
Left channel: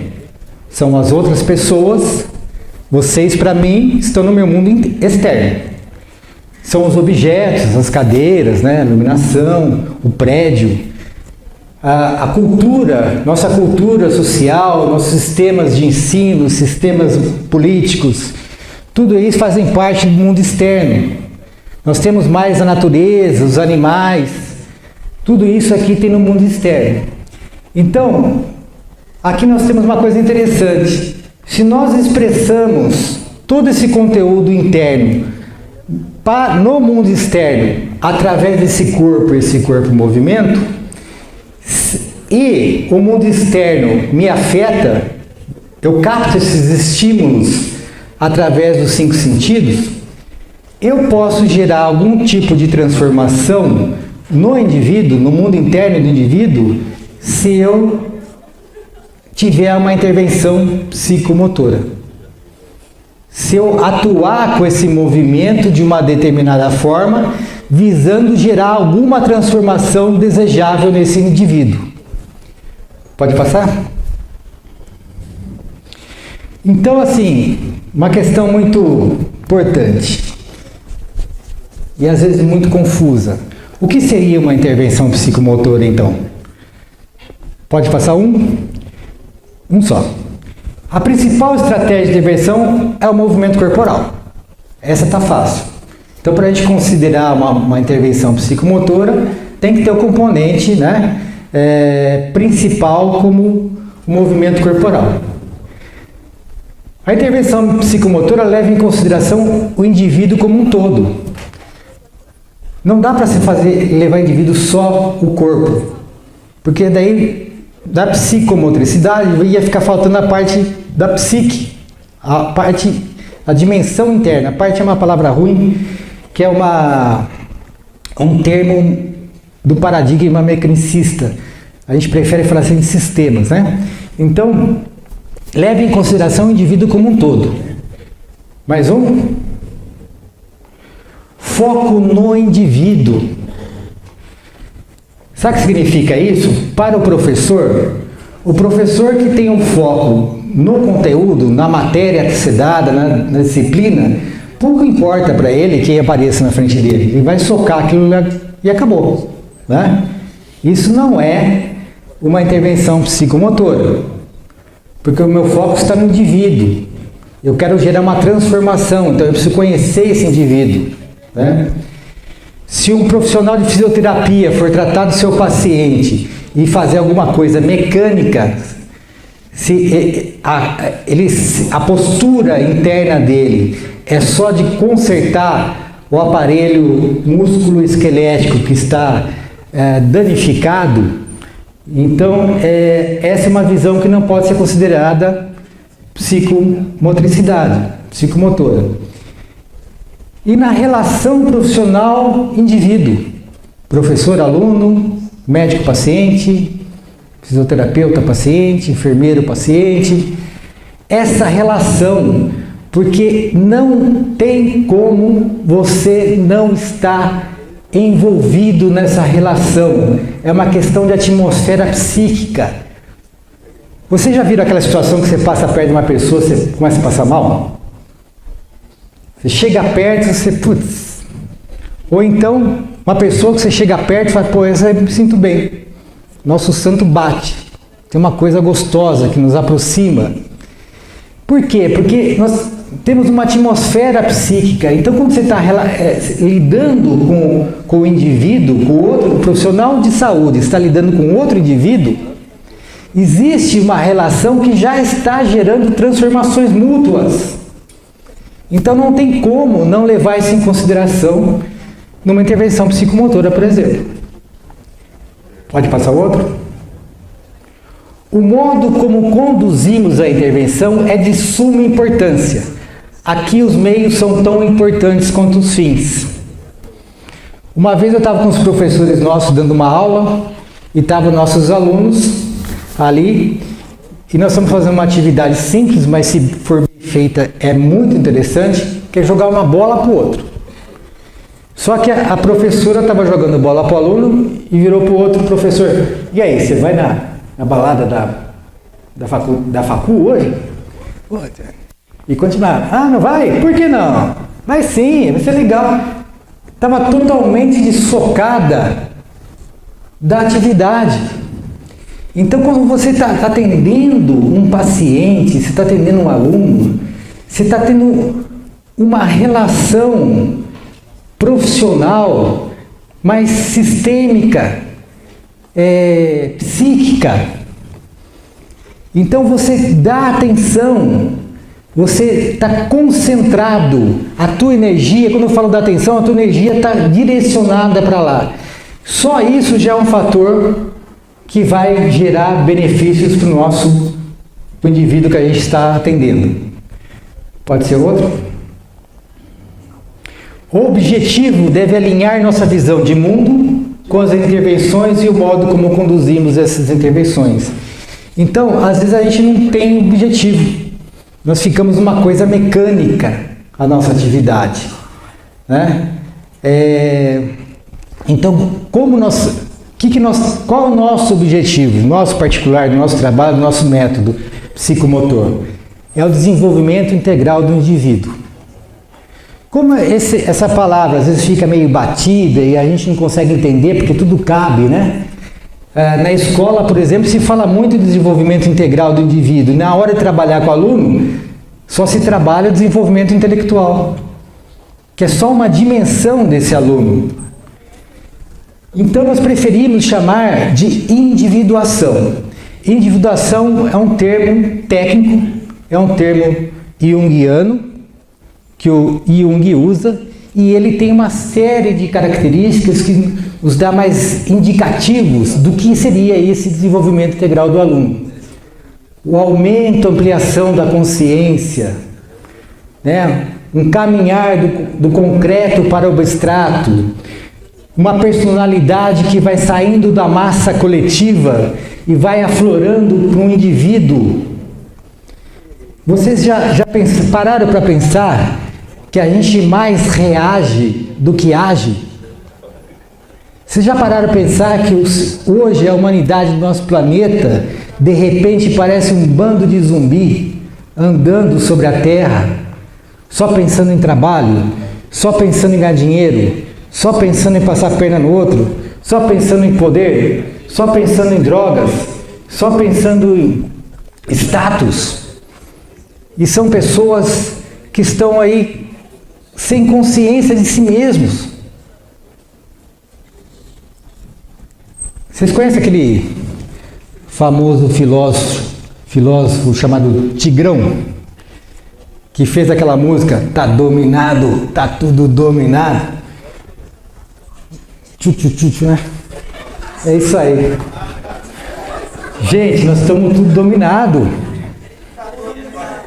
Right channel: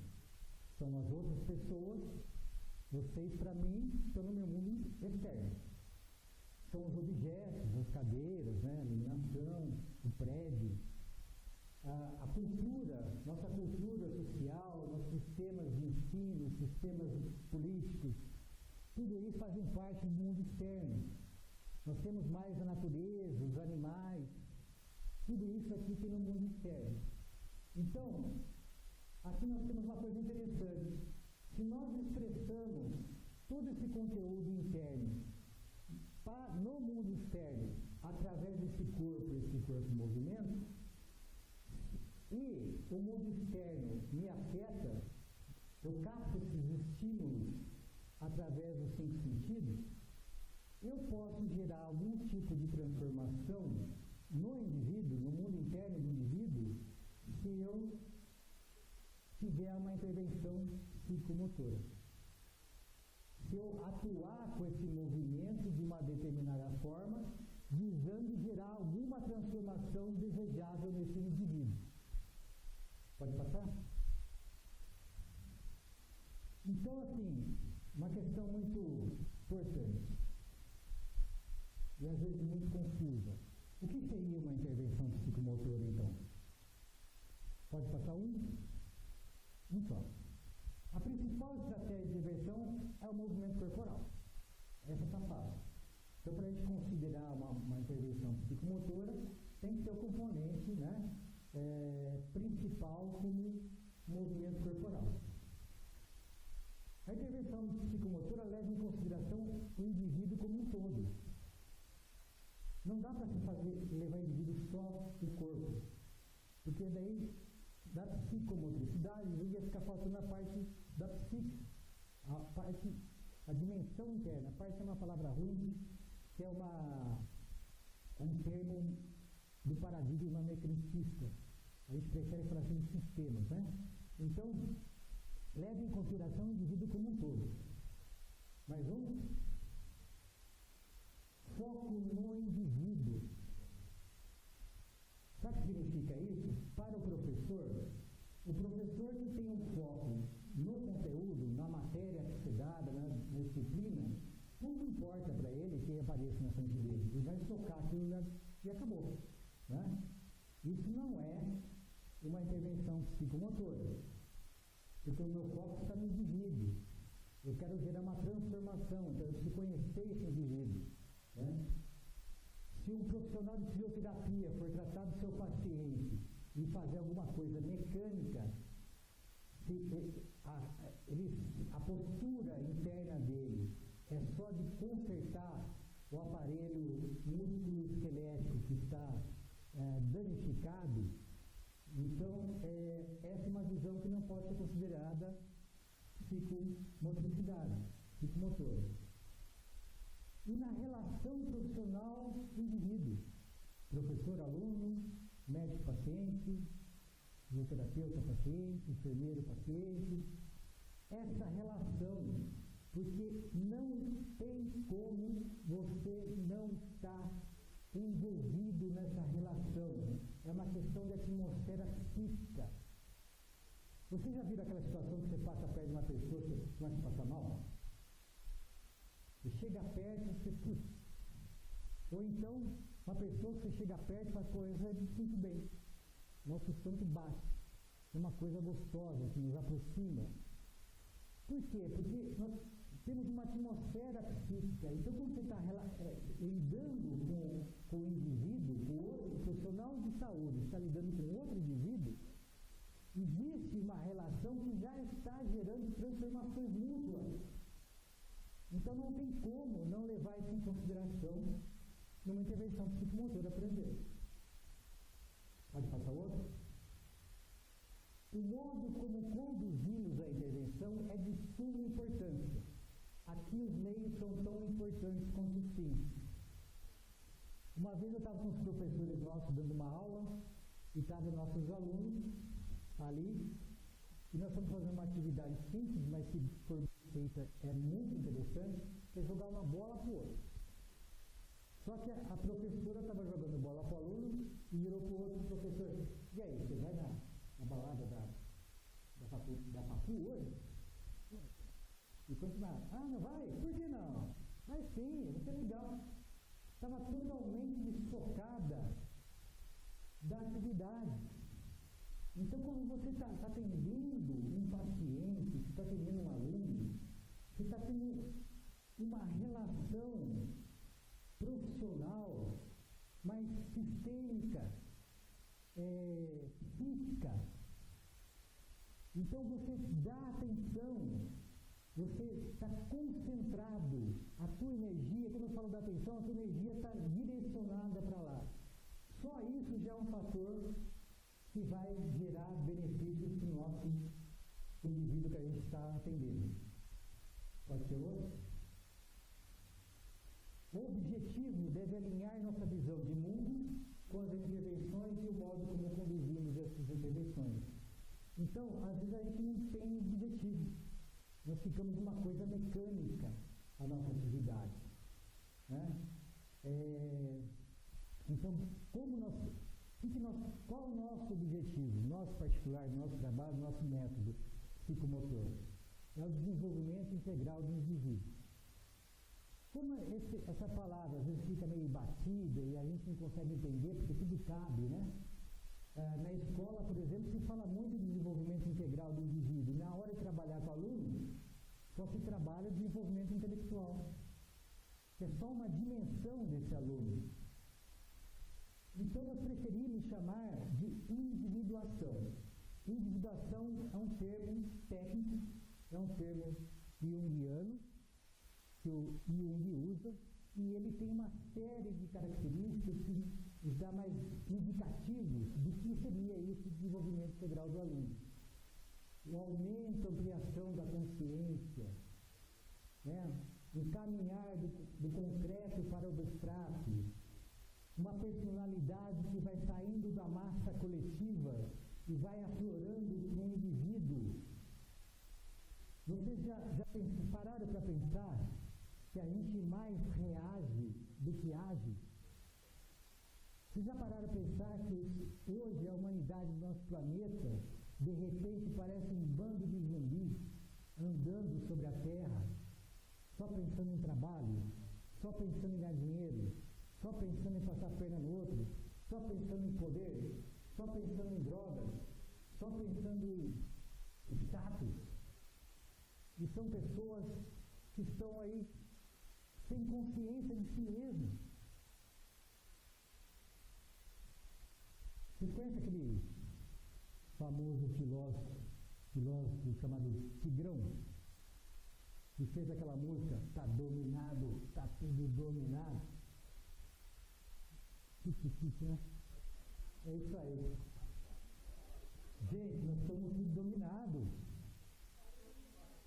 São as outras pessoas, vocês para mim estão no meu mundo externo. São os objetos, as cadeiras, né? A iluminação, o prédio, a cultura, nossa cultura social, nossos sistemas de ensino, sistemas políticos, tudo isso fazem parte do mundo externo. Nós temos mais a natureza, os animais, tudo isso aqui tem no mundo externo. Então, aqui nós temos uma coisa interessante. Se nós expressamos todo esse conteúdo interno no mundo externo, através desse corpo movimento, e o mundo externo me afeta, eu capto esses estímulos através dos 5 sentidos, eu posso gerar algum tipo de transformação no indivíduo, no mundo interno do indivíduo, se eu tiver uma intervenção psicomotora. Se eu atuar com esse movimento de uma determinada forma, visando gerar alguma transformação desejável nesse indivíduo. Pode passar? Então, assim, uma questão muito importante e às vezes muito confusa. O que seria uma intervenção psicomotora, então? Pode passar um? Um só. A principal estratégia de intervenção é o movimento corporal. Essa está fácil. Então, para a gente considerar uma intervenção psicomotora, tem que ter o componente, né, principal como o movimento corporal. A intervenção psicomotora leva em consideração o indivíduo como um todo. Não dá para se levar o indivíduo só o corpo, porque daí da psicomotricidade ia ficar faltando a parte da psique, a dimensão interna. A parte é uma palavra ruim, que é um termo do paradigma mecanicista. A gente prefere falar assim de sistemas, né? Então, leve em consideração o indivíduo como um todo. Mais um? Foco no indivíduo. Sabe o que significa isso? Para o professor, O professor que tem um foco no conteúdo, na matéria a ser dada, na disciplina, pouco importa para ele quem apareça na frente dele. Ele vai socar aquilo e acabou. Né? Isso não é uma intervenção psicomotora, porque o meu foco está no indivíduo. Eu quero gerar uma transformação, então eu preciso conhecer esse indivíduo. Né? Se um profissional de fisioterapia for tratar do seu paciente e fazer alguma coisa mecânica, se a postura interna dele é só de consertar o aparelho músculo-esquelético que está danificado, então essa é uma visão que não pode ser considerada psicomotricidade, psicomotora. E na relação profissional-indivíduo, professor-aluno, médico-paciente, fisioterapeuta-paciente, enfermeiro-paciente, essa relação, porque não tem como você não estar envolvido nessa relação, é uma questão de atmosfera psíquica. Você já viu aquela situação que você passa perto de uma pessoa e você começa a passar mal? Você chega perto e você, putz. Ou então, uma pessoa que você chega perto e fala, pô, essa eu me sinto bem. Nosso santo bate. Tem uma coisa gostosa que nos aproxima. Por quê? Porque nós temos uma atmosfera psíquica. Então, quando você está lidando com o indivíduo, com o outro, o profissional de saúde está lidando com outro indivíduo, existe uma relação que já está gerando transformações mútuas. Então não tem como não levar isso em consideração numa intervenção psicomotora, por exemplo. Pode passar o outro? O modo como conduzimos a intervenção é de suma importância. Aqui os meios são tão importantes quanto os fins. Uma vez eu estava com os professores nossos dando uma aula e estavam nossos alunos ali, e nós estamos fazendo uma atividade simples, mas se for bem feita é muito interessante, que é jogar uma bola para o outro. Só que a professora estava jogando bola para o aluno e virou para o outro professor, e aí, você vai na balada da facu hoje? E continuar, não vai? Por que não? Vai sim, vai ser legal. Estava totalmente desfocada da atividade. Então, quando você está atendendo um paciente, você está atendendo um aluno, você está tendo uma relação profissional, mais sistêmica, psíquica. Então, você dá atenção, você está concentrado, a tua energia, quando eu falo da atenção, a tua energia está direcionada para lá. Só isso já é um fator que vai gerar benefícios para o indivíduo que a gente está atendendo. Pode ser outro? O objetivo deve alinhar nossa visão de mundo com as intervenções e o modo como conduzimos essas intervenções. Então, às vezes a gente não tem objetivo. Nós ficamos numa coisa mecânica, a nossa atividade. Né? Então, qual é o nosso objetivo, nosso particular, do nosso trabalho, do nosso método psicomotor? É o desenvolvimento integral do indivíduo. Como essa palavra às vezes fica meio batida e a gente não consegue entender porque tudo cabe, né? Na escola, por exemplo, se fala muito de desenvolvimento integral do indivíduo. E na hora de trabalhar com o aluno, só se trabalha o desenvolvimento intelectual, que é só uma dimensão desse aluno. Então nós preferimos chamar de individuação. Individuação é um termo técnico, é um termo junguiano, que o Jung usa, e ele tem uma série de características que nos dá mais indicativos do que seria esse desenvolvimento integral do aluno. O aumento, ampliação da consciência, né? Um caminhar do concreto para o abstrato, uma personalidade que vai saindo da massa coletiva e vai aflorando para um indivíduo. Vocês já pararam para pensar que a gente mais reage do que age? Vocês já pararam para pensar que hoje a humanidade do nosso planeta De repente parece um bando de zumbi andando sobre a terra, só pensando em trabalho, só pensando em ganhar dinheiro, só pensando em passar a perna no outro, só pensando em poder, só pensando em drogas, só pensando em status. E são pessoas que estão aí sem consciência de si mesmos. Vocês conhecem aquele famoso filósofo chamado Tigrão, que fez aquela música, tá dominado, tá tudo dominado? Tchu, né? É isso aí. Gente, nós estamos tudo dominado.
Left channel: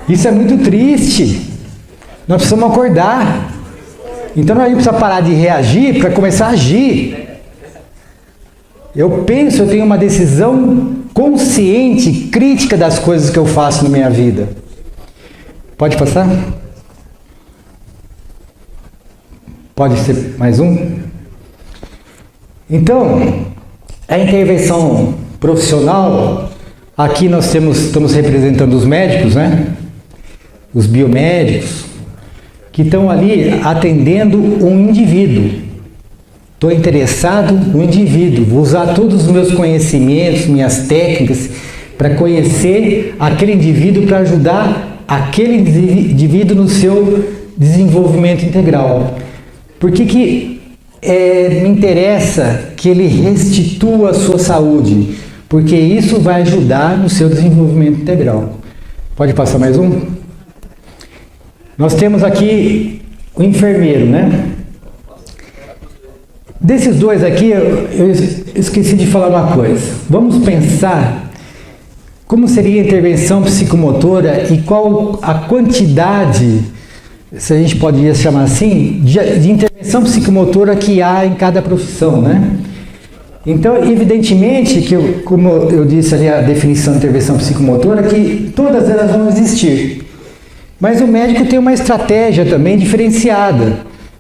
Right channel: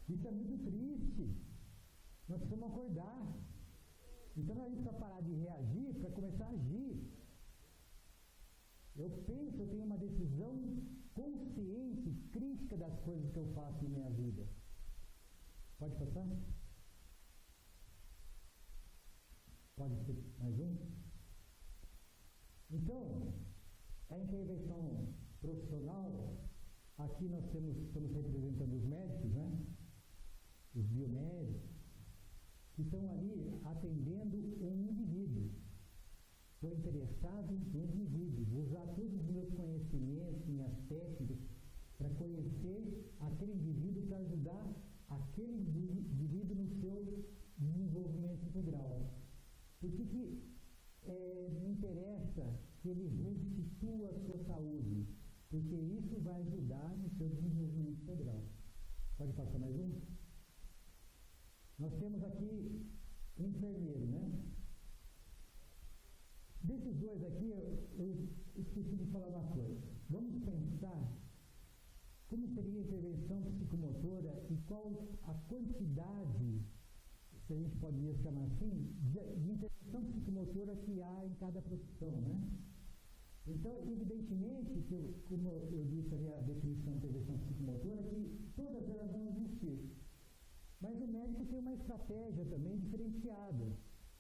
Isso é muito triste. Nós precisamos acordar. Então nós precisamos parar de reagir para começar a agir. Eu tenho uma decisão consciente, crítica das coisas que eu faço na minha vida. Pode passar? Pode ser mais um? Então, a intervenção profissional, aqui nós estamos representando os médicos, né? Os biomédicos, que estão ali atendendo um indivíduo. Estou interessado no indivíduo, vou usar todos os meus conhecimentos, minhas técnicas, para conhecer aquele indivíduo, para ajudar aquele indivíduo no seu desenvolvimento integral. Por que me interessa que ele restitua a sua saúde? Porque isso vai ajudar no seu desenvolvimento integral. Pode passar mais um? Nós temos aqui o enfermeiro, né? Desses dois aqui, eu esqueci de falar uma coisa. Vamos pensar como seria a intervenção psicomotora e qual a quantidade, se a gente poderia chamar assim, de intervenção psicomotora que há em cada profissão, né? Então, evidentemente, como eu disse ali a definição de intervenção psicomotora, que todas elas vão existir. Mas o médico tem uma estratégia também diferenciada,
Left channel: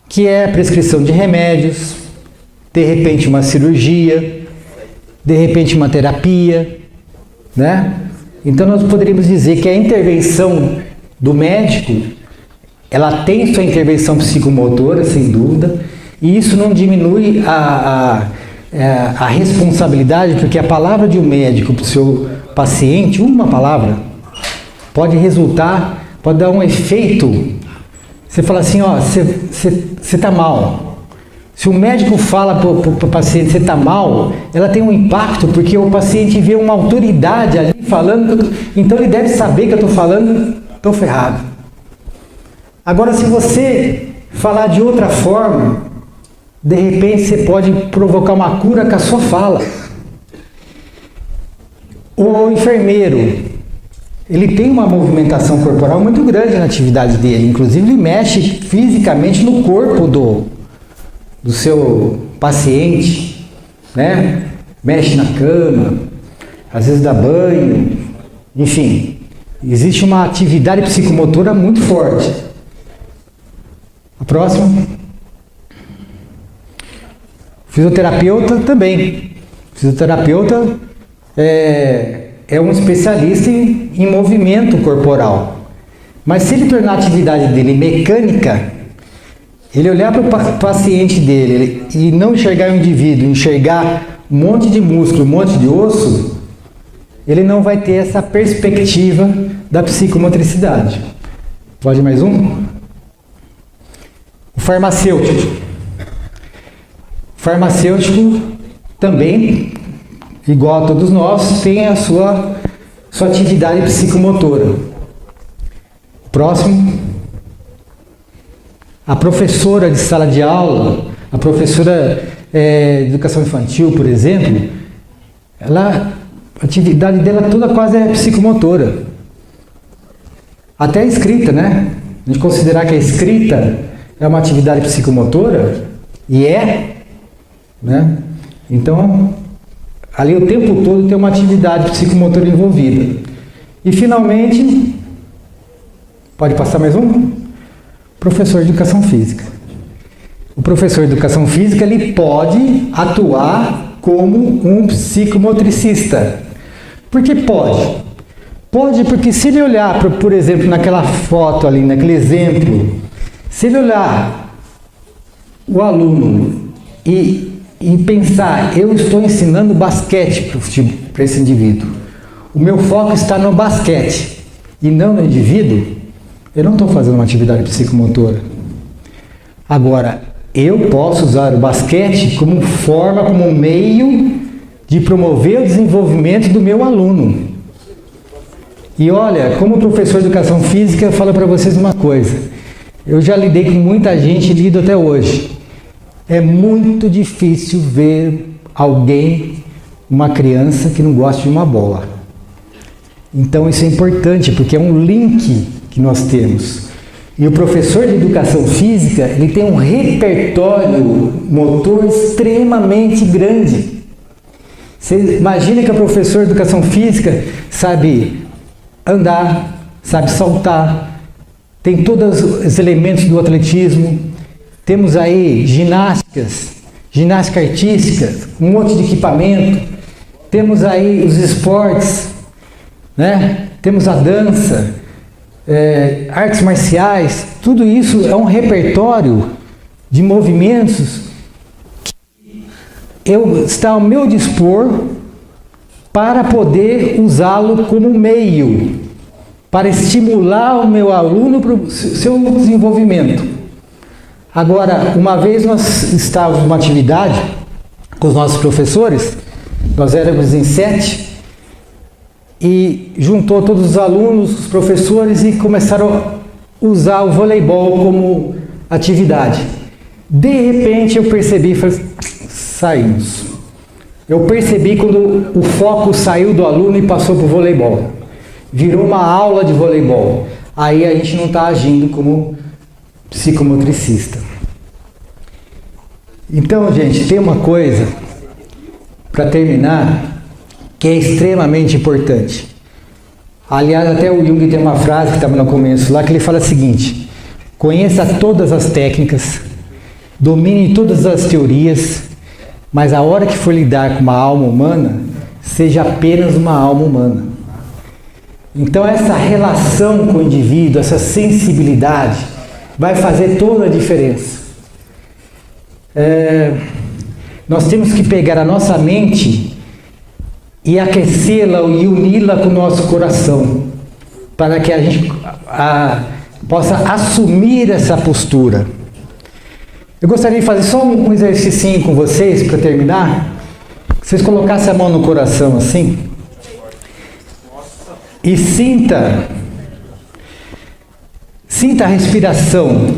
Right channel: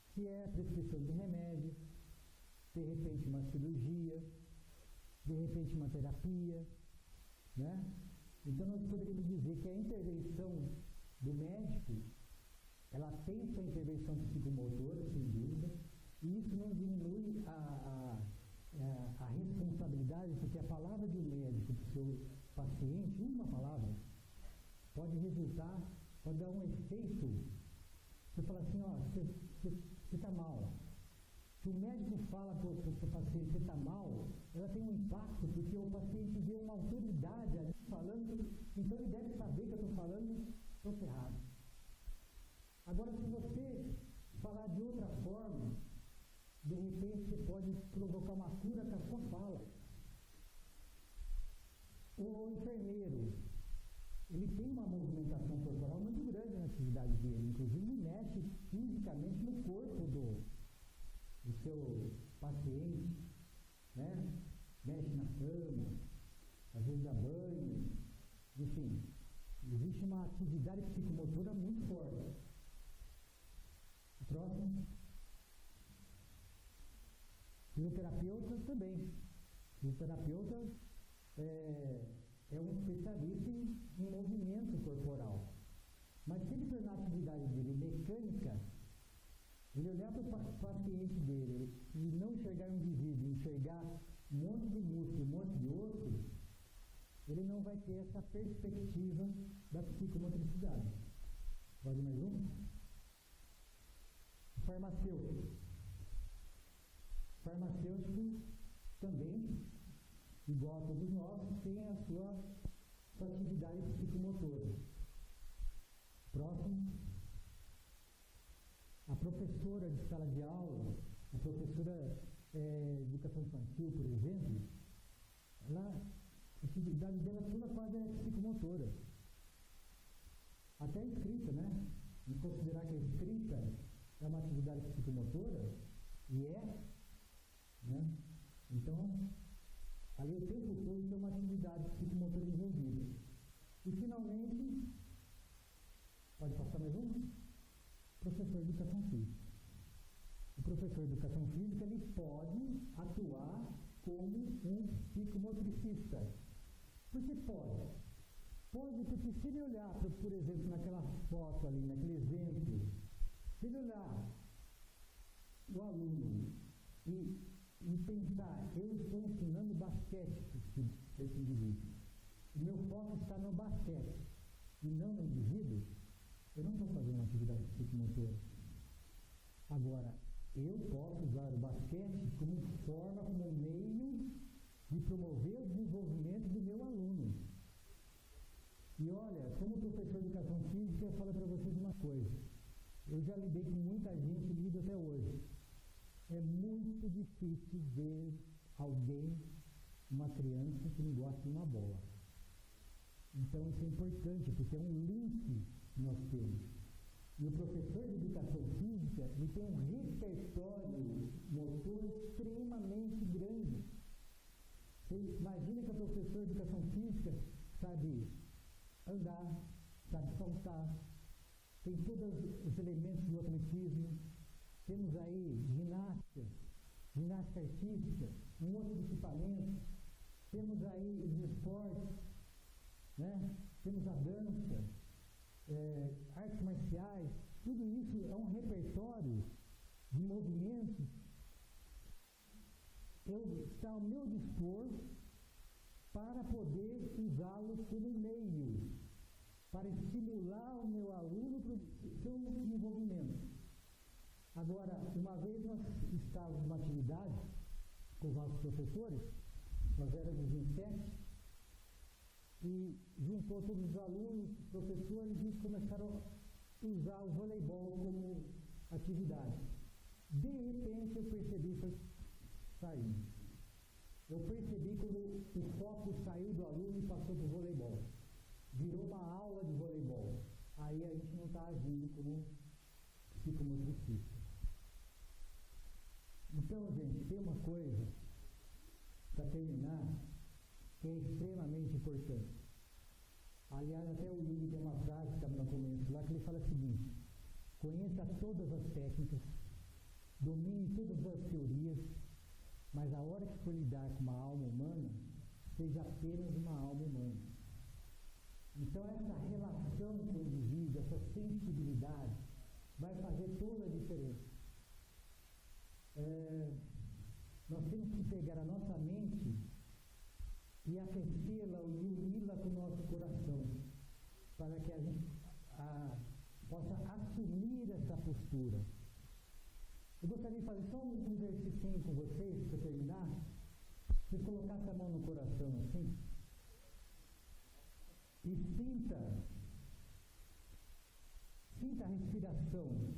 que é a prescrição de remédios, de repente uma cirurgia, de repente uma terapia, né? Então nós poderíamos dizer que a intervenção do médico, ela tem sua intervenção psicomotora, sem dúvida, e isso não diminui a responsabilidade, porque a palavra de um médico para o seu paciente, uma palavra, pode dar um efeito. Você fala assim, ó, você está mal. Se o médico fala para o paciente você está mal, ela tem um impacto, porque o paciente vê uma autoridade ali falando, então ele deve saber que eu estou falando, estou ferrado. Agora, se você falar de outra forma, de repente você pode provocar uma cura com a sua fala. O enfermeiro, ele tem uma movimentação corporal muito grande na atividade dele, inclusive ele mexe fisicamente no corpo do seu paciente, né? Mexe na cama, às vezes dá banho, enfim, existe uma atividade psicomotora muito forte. A próxima. Fisioterapeuta também. Fisioterapeuta é um especialista em movimento corporal. Mas se ele tornar a atividade dele mecânica, ele olhar para o paciente dele e não enxergar o indivíduo, enxergar um monte de músculo, um monte de osso, ele não vai ter essa perspectiva da psicomotricidade. Pode mais um? O farmacêutico. O farmacêutico também, igual a todos nós, tem a sua atividade psicomotora. Próximo. A professora de sala de aula, a professora de educação infantil, por exemplo, a atividade dela toda quase é psicomotora. Até a escrita, né? A gente considerar que a escrita é uma atividade psicomotora, e né? Então, ali o tempo todo tem uma atividade psicomotora envolvida. E finalmente, pode passar mais um? Professor de educação física. O professor de educação física, ele pode atuar como um psicomotricista. Porque pode. Pode porque se ele olhar, por exemplo, naquela foto ali, naquele exemplo, se ele olhar o aluno e pensar, eu estou ensinando basquete para esse indivíduo, o meu foco está no basquete e não no indivíduo, eu não estou fazendo uma atividade psicomotora. Agora, eu posso usar o basquete como forma, como meio de promover o desenvolvimento do meu aluno. E olha, como professor de educação física, eu falo para vocês uma coisa. Eu já lidei com muita gente e lido até hoje. É muito difícil ver alguém, uma criança, que não gosta de uma bola. Então isso é importante, porque é um link que nós temos. E o professor de educação física, ele tem um repertório motor extremamente grande. Você imagina que o professor de educação física sabe andar, sabe saltar, tem todos os elementos do atletismo, temos aí ginástica artística, um monte de equipamento, temos aí os esportes, né? Temos a dança, artes marciais, tudo isso é um repertório de movimentos que está ao meu dispor para poder usá-lo como meio, para estimular o meu aluno para o seu desenvolvimento. Agora, uma vez nós estávamos numa atividade com os nossos professores, nós éramos em 7, e juntou todos os alunos, os professores, e começaram a usar o voleibol como atividade. De repente eu percebi, saímos. Eu percebi quando o foco saiu do aluno e passou para o voleibol. Virou uma aula de voleibol. Aí a gente não está agindo como psicomotricista. Então, gente, tem uma coisa, para terminar, que é extremamente importante. Aliás, até o Jung tem uma frase que estava no começo lá, que ele fala o seguinte: conheça todas as técnicas, domine todas as teorias, mas a hora que for lidar com uma alma humana, seja apenas uma alma humana. Então essa relação com o indivíduo, essa sensibilidade, vai fazer toda a diferença. Nós temos que pegar a nossa mente e aquecê-la e uni-la com o nosso coração, para que a gente possa assumir essa postura. Eu gostaria de fazer só um exercício com vocês, para terminar. Vocês colocassem a mão no coração assim. E sinta a respiração.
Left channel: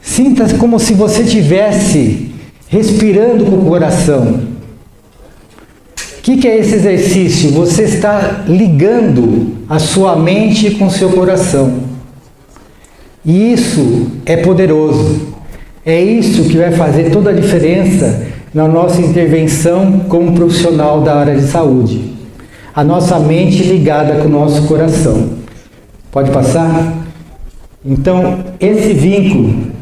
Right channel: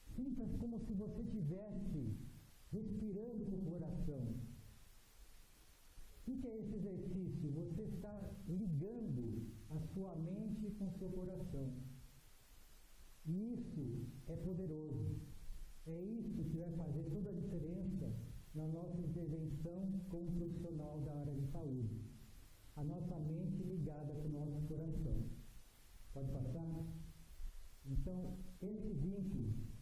Sinta como se você estivesse respirando com o coração. O que é esse exercício? Você está ligando a sua mente com o seu coração. E isso é poderoso. É isso que vai fazer toda a diferença na nossa intervenção como profissional da área de saúde. A nossa mente ligada com o nosso coração. Pode passar? Então, esse vínculo...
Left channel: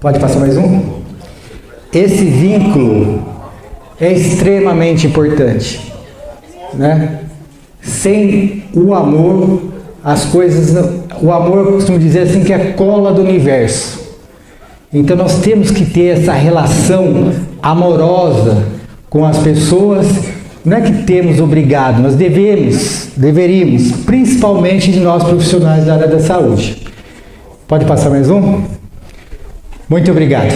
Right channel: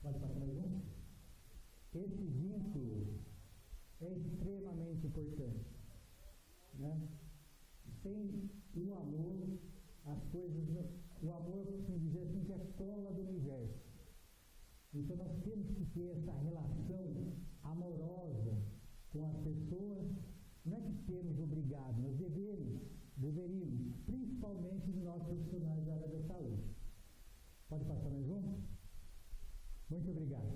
Pode passar mais um? Esse vínculo é extremamente importante, né? Sem o amor, as coisas... O amor, eu costumo dizer assim, que é a cola do universo. Então nós temos que ter essa relação amorosa com as pessoas. Não é que temos obrigado, nós deveríamos, principalmente de nós profissionais da área da saúde. Pode passar mais um? Muito obrigado.